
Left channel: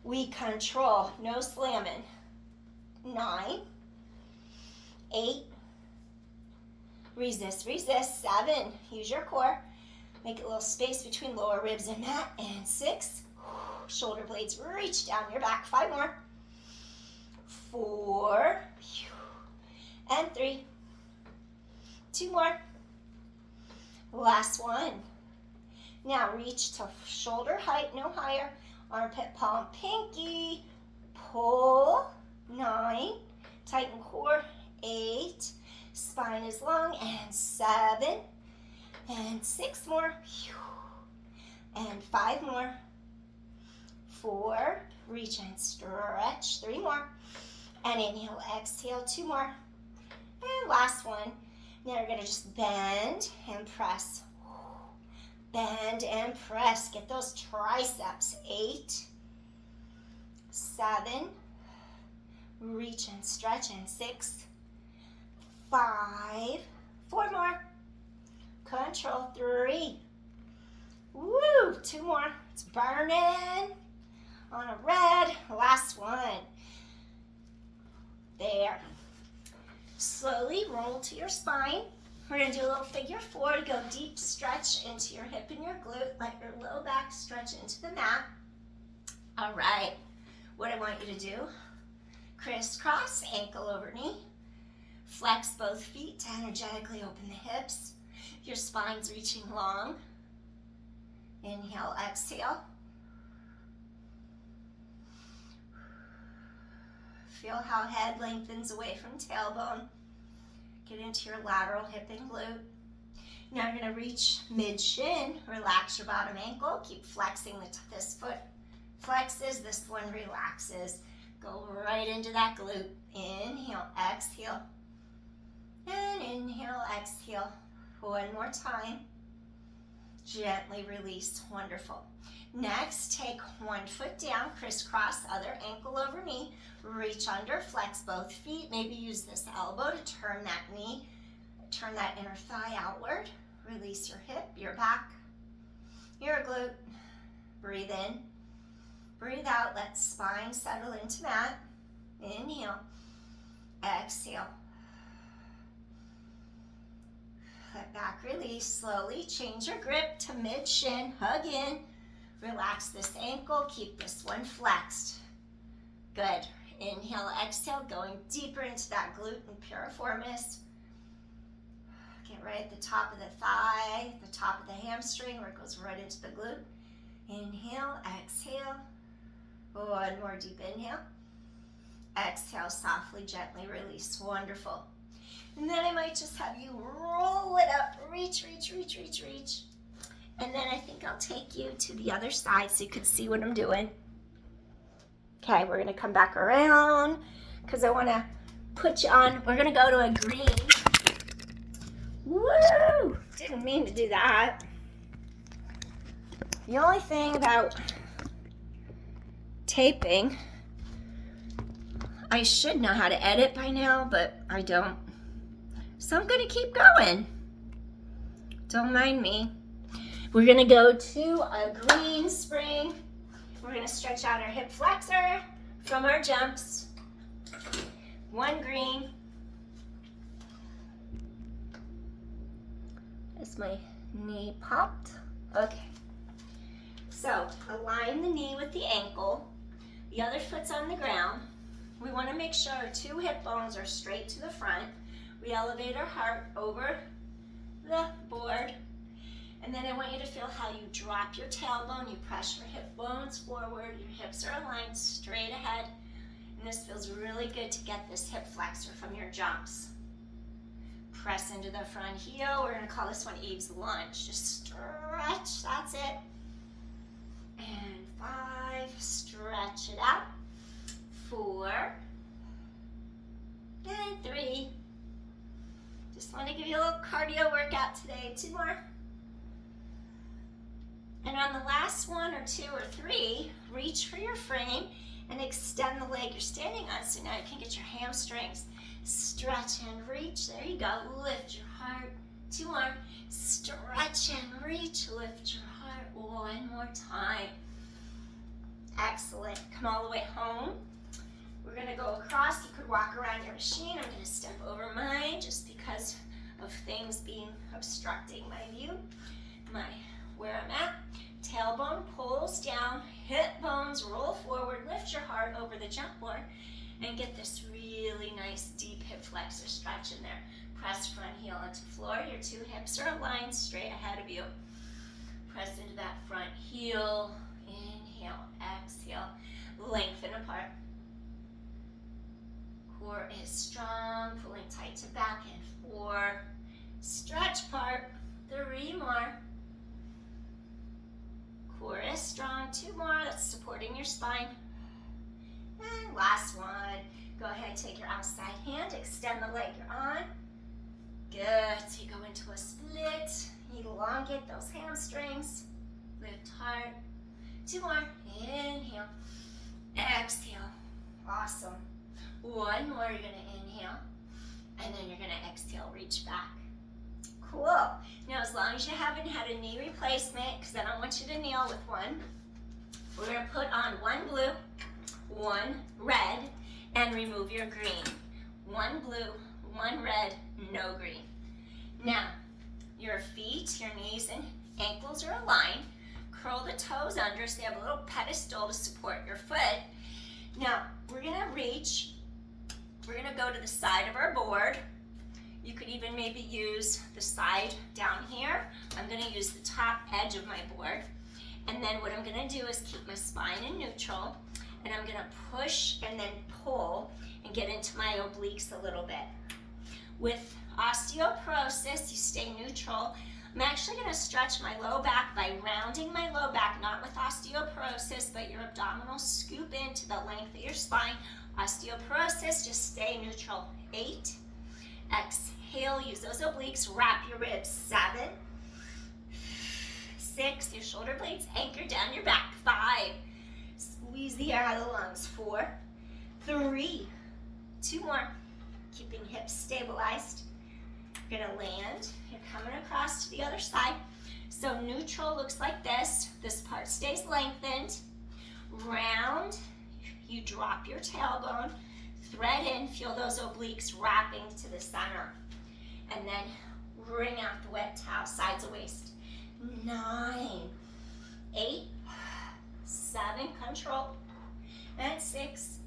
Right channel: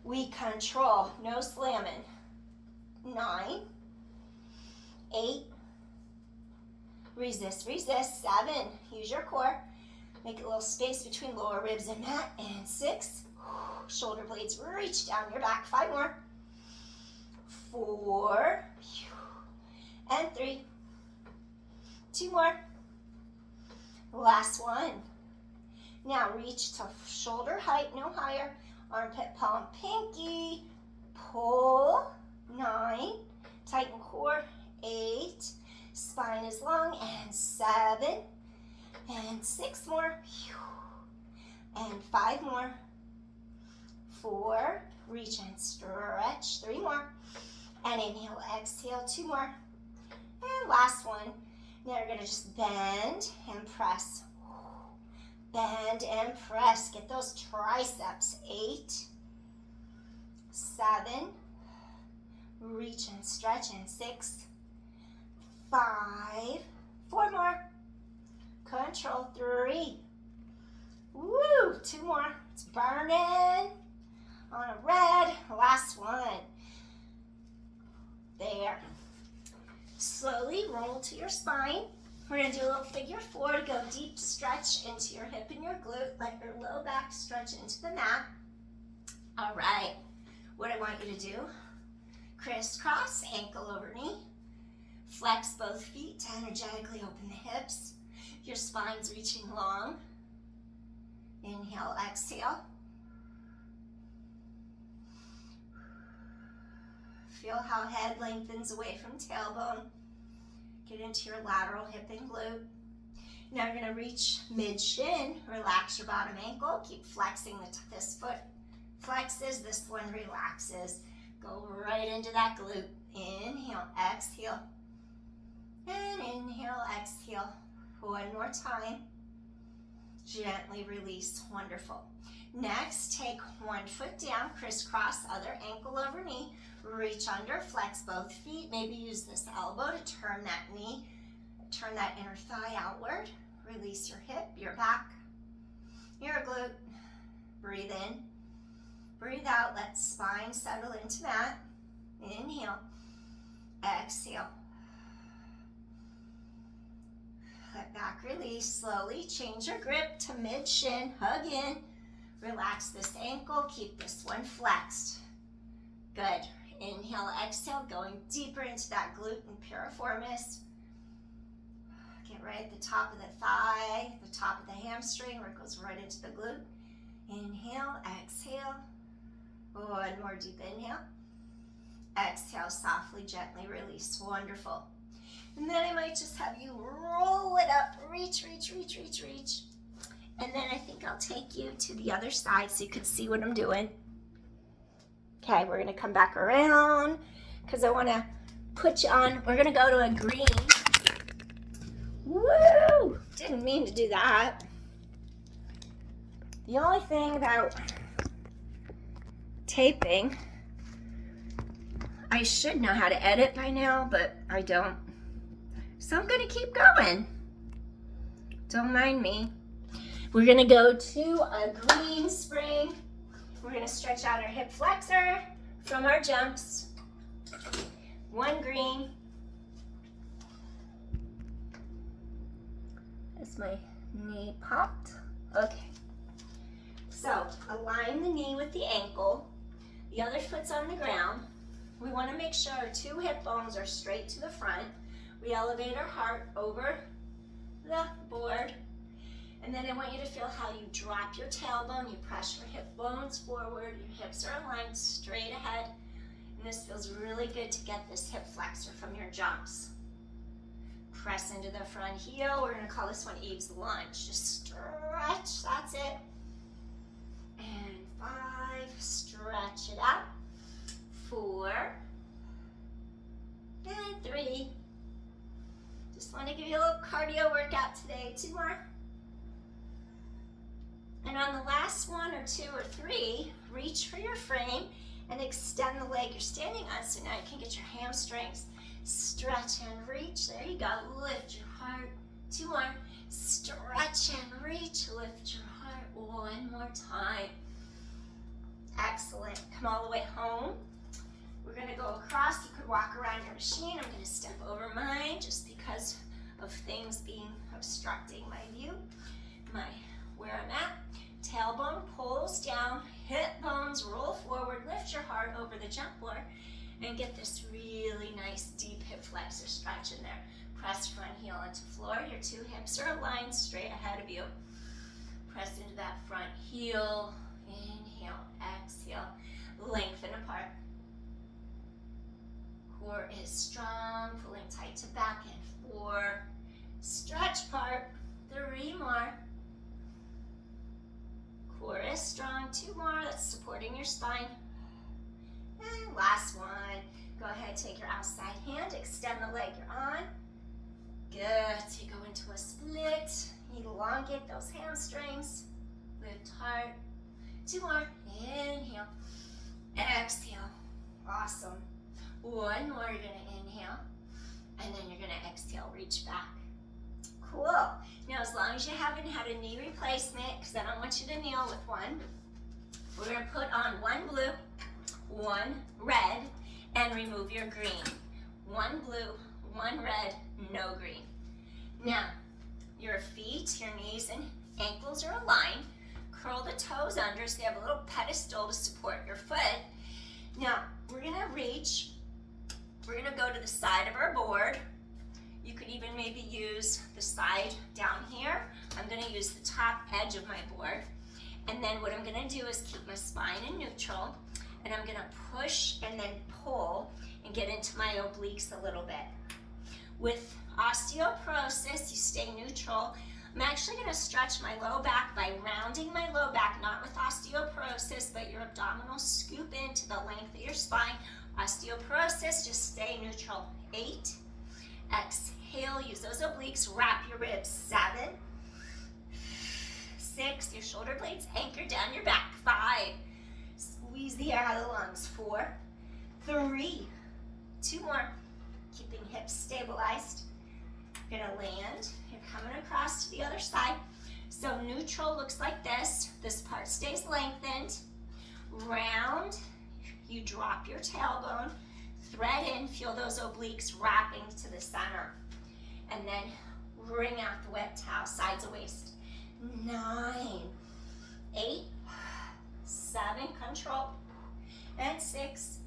We control, no slamming. 9, 8, resist, 7, use your core. Make a little space between lower ribs and mat, and 6, shoulder blades reach down your back, 5 more, 4, and 3, 2 more. Last one. Now reach to shoulder height, no higher. Armpit, palm, pinky. Pull. 9. Tighten core. 8. Spine is long. And 7. And 6 more. And 5 more. 4. Reach and stretch. 3 more. And inhale, exhale. 2 more. And last one. Now you're going to just bend and press. Bend and press. Get those triceps. 8, 7, reach and stretch, and 6, 5, 4 more. Control. 3. Woo! 2 more. It's burning on a red. Last one. There. Slowly roll to your spine. We're going to do a little figure 4 to go deep stretch into your hip and your glute. Let your low back stretch into the mat. All right. What I want you to do, crisscross, ankle over knee. Flex both feet to energetically open the hips. Your spine's reaching long. Inhale, exhale. Feel how head lengthens away from tailbone. Get into your lateral hip and glute. Now you're going to reach mid-shin. Relax your bottom ankle. Keep flexing this foot flexes, this one relaxes. Go right into that glute. Inhale, exhale. And inhale, exhale. One more time. Gently release. Wonderful. Next, take one foot down, crisscross, other ankle over knee. Reach under, flex both feet. Maybe use this elbow to turn that knee, turn that inner thigh outward. Release your hip, your back, your glute. Breathe in, breathe out. Let spine settle into that. Inhale, exhale. Let back release. Slowly change your grip to mid-shin. Hug in. Relax this ankle. Keep this one flexed. Good. Inhale, exhale, going deeper into that glute and piriformis. Get right at the top of the thigh, the top of the hamstring, where it goes right into the glute. Inhale, exhale. One more deep inhale. Exhale, softly, gently release. Wonderful. And then I might just have you roll it up. Reach, reach, reach, reach, reach. And then I think I'll take you to the other side so you can see what I'm doing. Okay, we're going to come back around because I want to put you on. We're going to go to a green. Woo! Didn't mean to do that. The only thing about taping, I should know how to edit by now, but I don't. So I'm going to keep going. Don't mind me. We're going to go to a green spring. We're going to stretch out our hip flexor from our jumps. One green. As my knee popped. Okay. So align the knee with the ankle. The other foot's on the ground. We want to make sure our two hip bones are straight to the front. We elevate our heart over the board. And then I want you to feel how you drop your tailbone. You press your hip bones forward. Your hips are aligned straight ahead. And this feels really good to get this hip flexor from your jumps. Press into the front heel. We're going to call this one Eve's lunge. Just stretch. That's it. And 5. Stretch it out. 4. And 3. Just want to give you a little cardio workout today. 2 more. And on the last 1 or 2 or 3, reach for your frame and extend the leg you're standing on so now you can get your hamstrings. Stretch and reach. There you go. Lift your heart. 2 more. Stretch and reach. Lift your heart. 1 more time. Excellent. Come all the way home. We're going to go across. You could walk around your machine. I'm going to step over mine just because of things being obstructing my view. Where I'm at. Tailbone pulls down. Hip bones roll forward. Lift your heart over the jump board and get this really nice deep hip flexor stretch in there. Press front heel onto floor. Your 2 hips are aligned straight ahead of you. Press into that front heel. Inhale, exhale. Lengthen apart. Core is strong, pulling tight to back and 4. Stretch part. 3 more. Core is strong. 2 more. That's supporting your spine. And last one. Go ahead, take your outside hand, extend the leg you're on. Good. So you go into a split. Elongate those hamstrings. Lift heart. 2 more. Inhale. Exhale. Awesome. 1 more. You're going to inhale. And then you're going to exhale. Reach back. Cool. Now, as long as you haven't had a knee replacement, because I don't want you to kneel with one, we're going to put on 1 blue, 1 red, and remove your green. 1 blue, 1 red, no green. Now, your feet, your knees, and ankles are aligned. Curl the toes under so you have a little pedestal to support your foot. Now, we're going to reach. We're going to go to the side of our board. You could even maybe use the side down here. I'm going to use the top edge of my board. And then what I'm going to do is keep my spine in neutral. And I'm going to push and then pull and get into my obliques a little bit. With osteoporosis, you stay neutral. I'm actually going to stretch my low back by rounding my low back, not with osteoporosis, but your abdominals scoop into the length of your spine. Osteoporosis, just stay neutral. 8. Exhale, use those obliques, wrap your ribs. 7. 6, your shoulder blades anchor down your back. 5, squeeze the air out of the lungs. 4, 3, 2 more. Keeping hips stabilized. You're gonna land, you're coming across to the other side. So neutral looks like this. This part stays lengthened. Round, you drop your tailbone, thread in, feel those obliques wrapping to the center. And then wring out the wet towel, sides of waist. 9, 8, 7, control. And 6,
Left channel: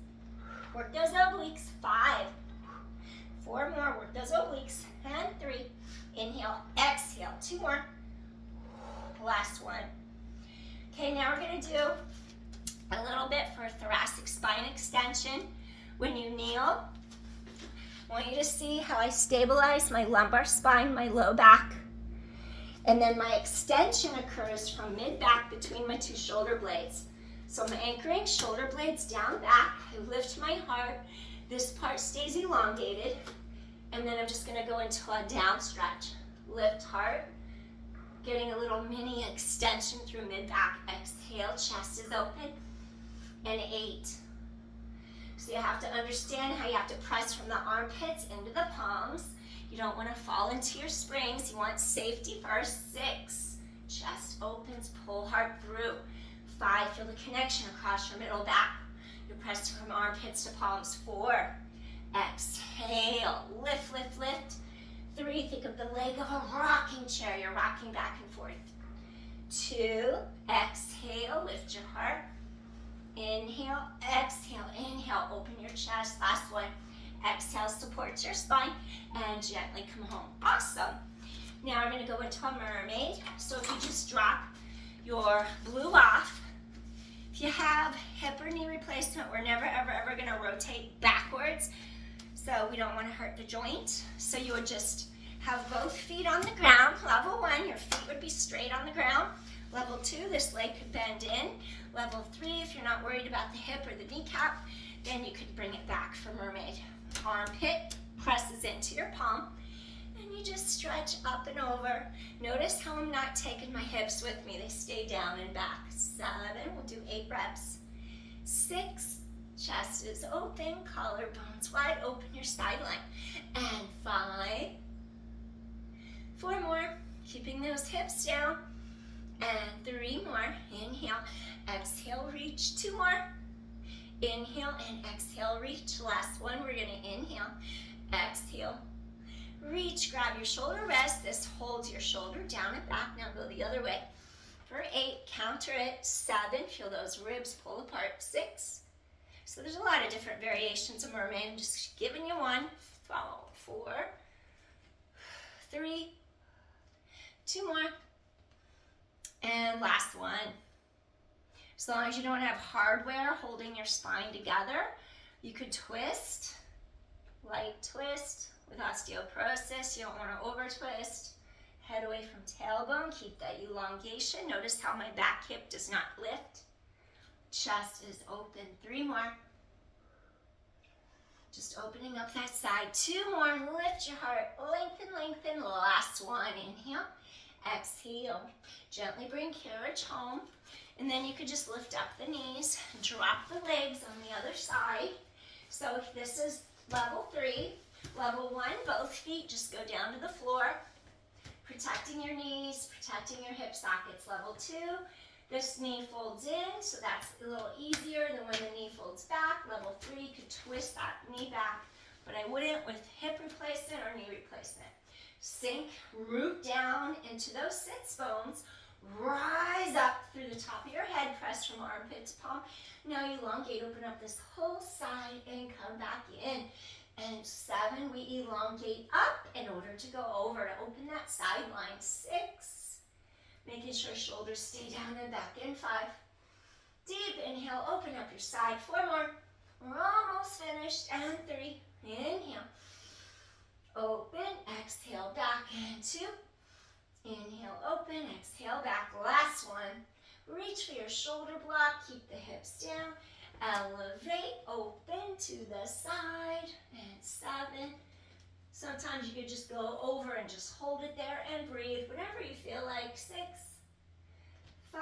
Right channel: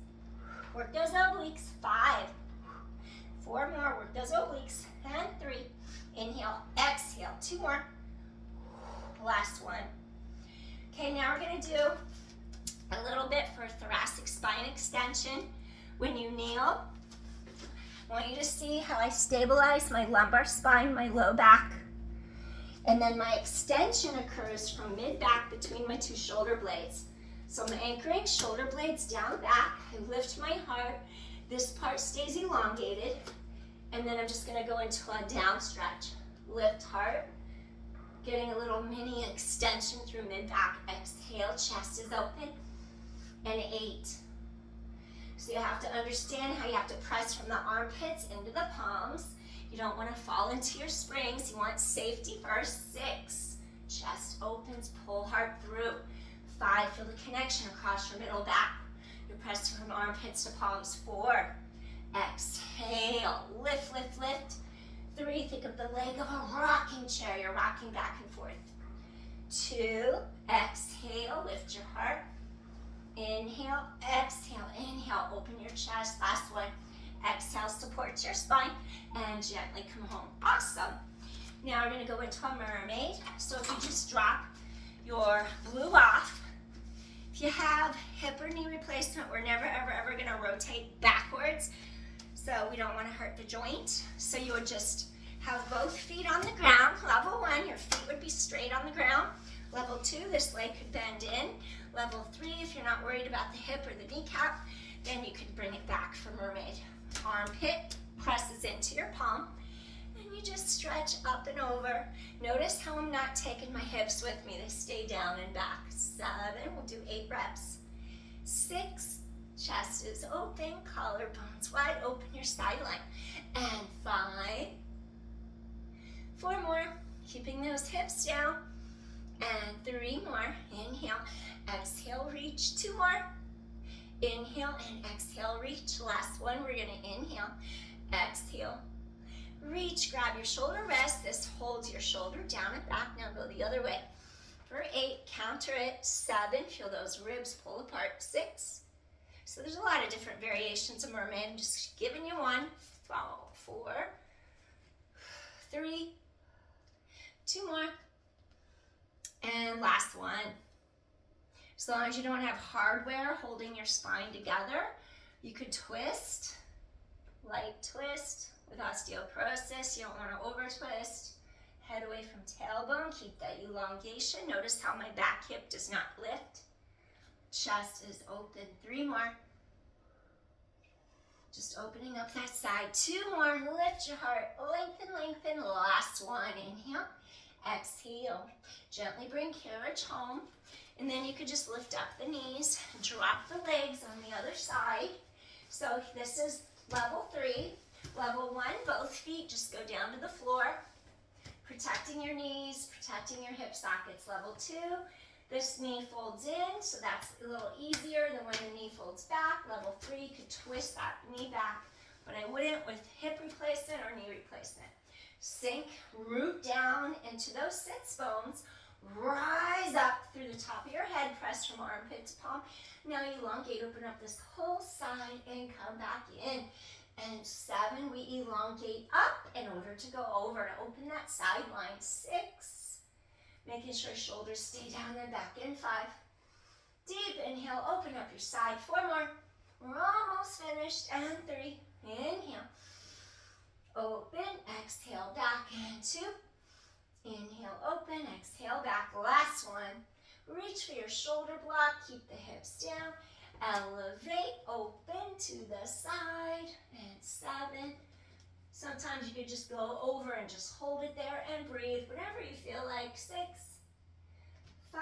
work those obliques. 5, 4 more, work those obliques. And 3, inhale, exhale. 2 more. Last one. Okay, now we're gonna do a little bit for thoracic spine extension. When you kneel, I want you to see how I stabilize my lumbar spine, my low back. And then my extension occurs from mid-back between my 2 shoulder blades. So I'm anchoring shoulder blades down back. I lift my heart. This part stays elongated. And then I'm just gonna go into a down stretch. Lift heart, getting a little mini extension through mid-back. Exhale, chest is open. And 8. So you have to understand how you have to press from the armpits into the palms. You don't want to fall into your springs. You want safety first. 6, chest opens, pull heart through. 5, feel the connection across your middle back. You're pressing from armpits to palms. 4, exhale, lift, lift, lift. 3, think of the leg of a rocking chair. You're rocking back and forth. 2, exhale, lift your heart. Inhale, exhale, inhale, open your chest. Last one. Exhale, support your spine, and gently come home. Awesome. Now we're going to go into a mermaid. So if you just drop your blue off, if you have hip or knee replacement, we're never, ever, ever going to rotate backwards. So we don't want to hurt the joint. So you would just have both feet on the ground. Level 1, your feet would be straight on the ground. Level 2, this leg could bend in. Level 3, if you're not worried about the hip or the kneecap, then you could bring it back for mermaid. Armpit presses into your palm, and you just stretch up and over. Notice how I'm not taking my hips with me. They stay down and back. 7, we'll do 8 reps. 6, chest is open, collarbones wide, open your side line. And 5, 4 more, keeping those hips down. And 3 more, inhale, exhale, reach. 2 more, inhale and exhale, reach. Last one, we're gonna inhale, exhale, reach, grab your shoulder rest. This holds your shoulder down and back. Now go the other way. For 8, counter it. 7, feel those ribs pull apart. 6, so there's a lot of different variations of mermaid. I'm just giving you one. 4, 3, 2 more, and last one. As long as you don't have hardware holding your spine together, you could twist, light twist. With osteoporosis, you don't want to over twist. Head away from tailbone, keep that elongation. Notice how my back hip does not lift. Chest is open. 3 more. Just opening up that side. 2 more, lift your heart, lengthen, lengthen. Last one, inhale, exhale. Gently bring carriage home. And then you could just lift up the knees, drop the legs on the other side. So this is level 3. Level 1, both feet just go down to the floor, protecting your knees, protecting your hip sockets. Level 2, this knee folds in, so that's a little easier than when the knee folds back. Level 3, you could twist that knee back, but I wouldn't with hip replacement or knee replacement. Sink, root down into those sits bones. Rise up through the top of your head, press from armpit to palm. Now elongate, open up this whole side and come back in. And 7, we elongate up in order to go over to open that side line. 6, making sure shoulders stay down and back in. 5, deep inhale, open up your side. 4 more, we're almost finished. And 3, inhale, open, exhale, back. And 2, inhale, open, exhale, back. Last one. Reach for your shoulder block. Keep the hips down. Elevate, open to the side. And 7. Sometimes you could just go over and just hold it there and breathe whenever you feel like. 6, 5.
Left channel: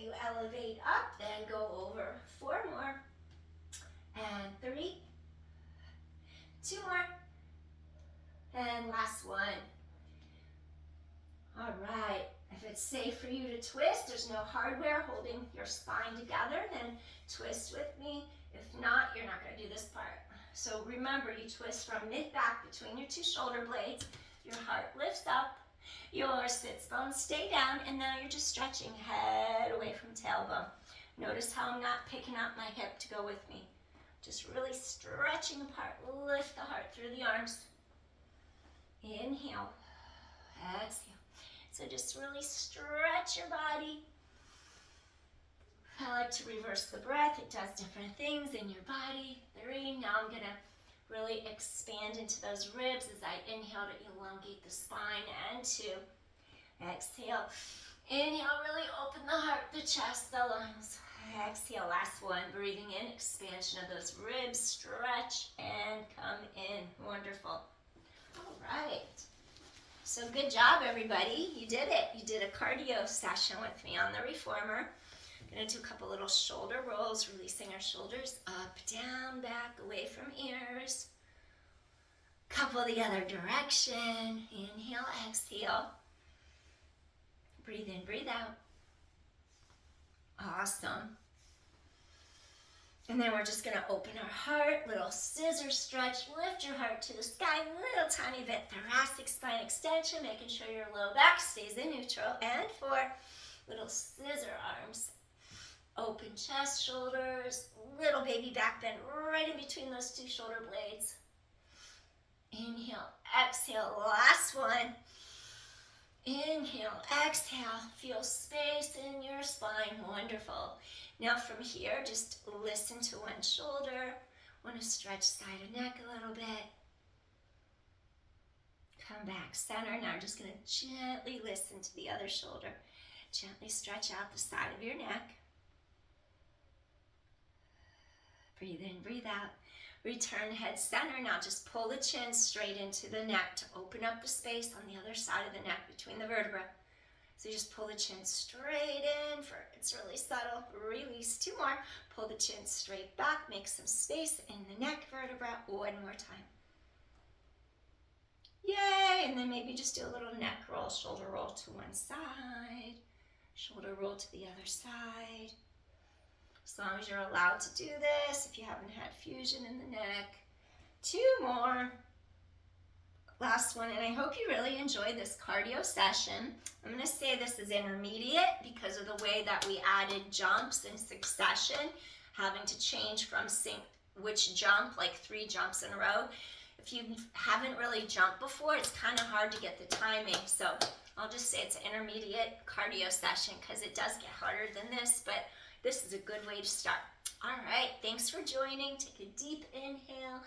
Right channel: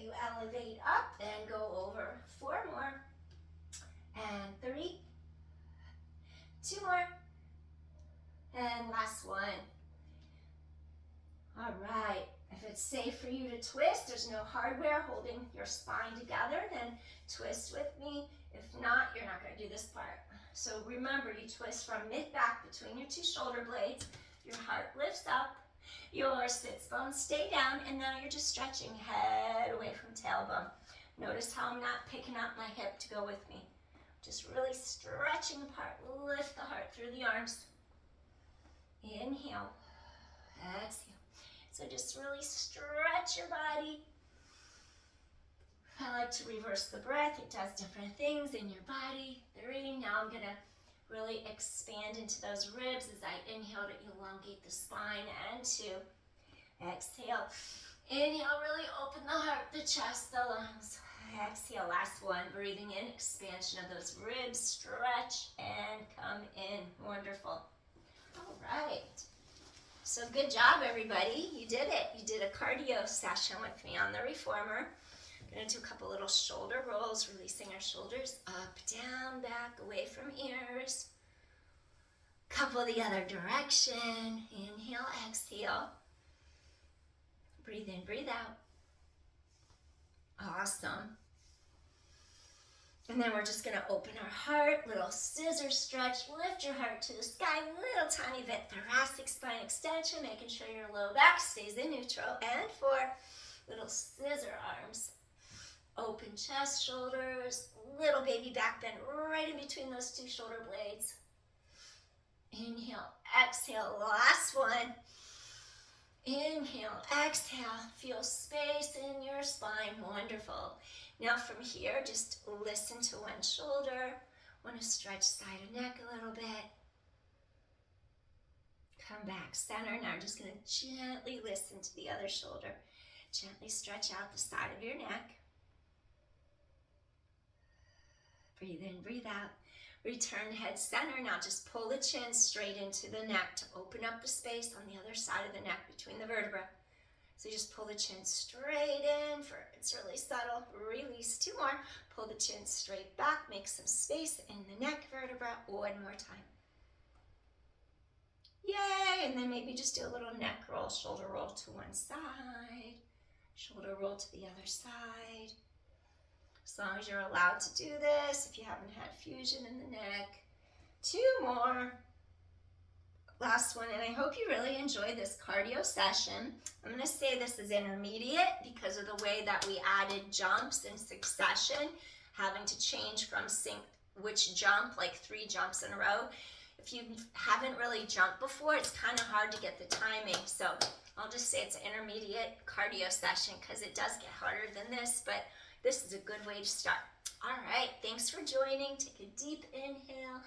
You elevate up, then go over. 4 more. And 3. 2 more. And last one. All right, if it's safe for you to twist, there's no hardware holding your spine together, then twist with me. If not, you're not going to do this part. So remember, you twist from mid-back between your 2 shoulder blades. Your heart lifts up, your sits bones stay down, and now you're just stretching head away from tailbone. Notice how I'm not picking up my hip to go with me. Just really stretching apart. Lift the heart through the arms. Inhale, exhale. So just really stretch your body. I like to reverse the breath. It does different things in your body. 3, now I'm gonna really expand into those ribs as I inhale to elongate the spine. And 2, exhale. Inhale, really open the heart, the chest, the lungs. Exhale, last one, breathing in, expansion of those ribs, stretch and come in. Wonderful. All right. So good job, everybody. You did it. You did a cardio session with me on the reformer. I'm going to do a couple little shoulder rolls, releasing our shoulders up, down, back, away from ears. Couple the other direction. Inhale, exhale. Breathe in, breathe out. Awesome. And then we're just going to open our heart, little scissor stretch, lift your heart to the sky, little tiny bit thoracic spine extension, making sure your low back stays in neutral. And 4, little scissor arms. Open chest, shoulders, little baby back bend right in between those two shoulder blades. Inhale, exhale, last one. Inhale, exhale, feel space in your spine, wonderful. Now from here, just listen to one shoulder. Want to stretch side of neck a little bit. Come back, center. Now I'm just going to gently listen to the other shoulder. Gently stretch out the side of your neck. Breathe in, breathe out. Return head center. Now just pull the chin straight into the neck to open up the space on the other side of the neck between the vertebrae. So you just pull the chin straight in for, it's really subtle. Release, 2 more. Pull the chin straight back, make some space in the neck vertebra. 1 more time. Yay! And then maybe just do a little neck roll, shoulder roll to one side, shoulder roll to the other side. As long as you're allowed to do this, if you haven't had fusion in the neck. 2 more. Last one, and I hope you really enjoyed this cardio session. I'm going to say this is intermediate because of the way that we added jumps in succession, having to change from which jump, like 3 jumps in a row. If you haven't really jumped before, it's kind of hard to get the timing. So I'll just say it's an intermediate cardio session because it does get harder than this, but this is a good way to start. All right, thanks for joining. Take a deep inhale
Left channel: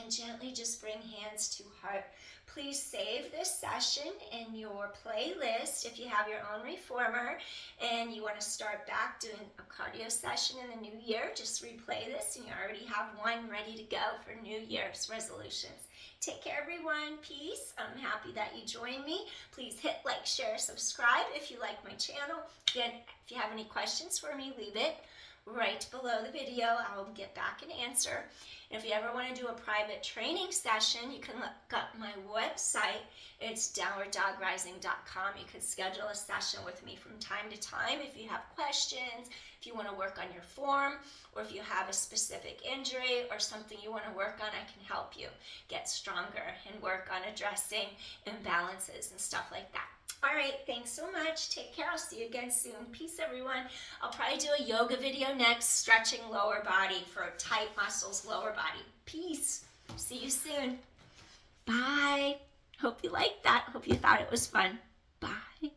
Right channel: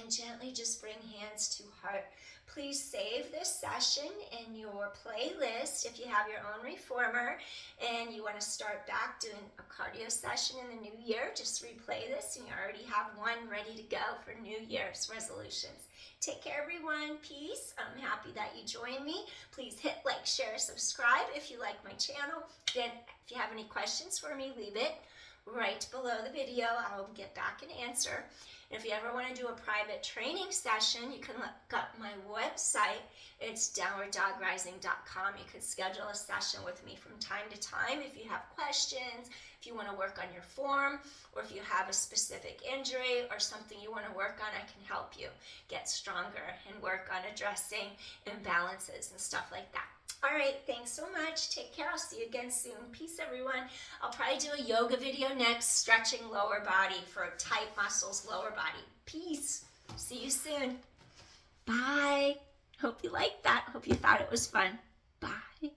and gently just bring hands to heart. Please save this session in your playlist if you have your own reformer and you want to start back doing a cardio session in the new year. Just replay this and you already have one ready to go for New Year's resolutions. Take care, everyone. Peace. I'm happy that you joined me. Please hit like, share, subscribe if you like my channel. Then if you have any questions for me, leave it right below the video. I will get back and answer. And if you ever want to do a private training session, you can look up my website. It's downwarddogrising.com. You could schedule a session with me from time to time if you have questions, if you want to work on your form, or if you have a specific injury or something you want to work on, I can help you get stronger and work on addressing imbalances and stuff like that. All right, thanks so much. Take care. I'll see you again soon. Peace, everyone. I'll probably do a yoga video next, stretching lower body for tight muscles, lower body. Peace. See you soon. Bye. Hope you liked that. Hope you thought it was fun. Bye.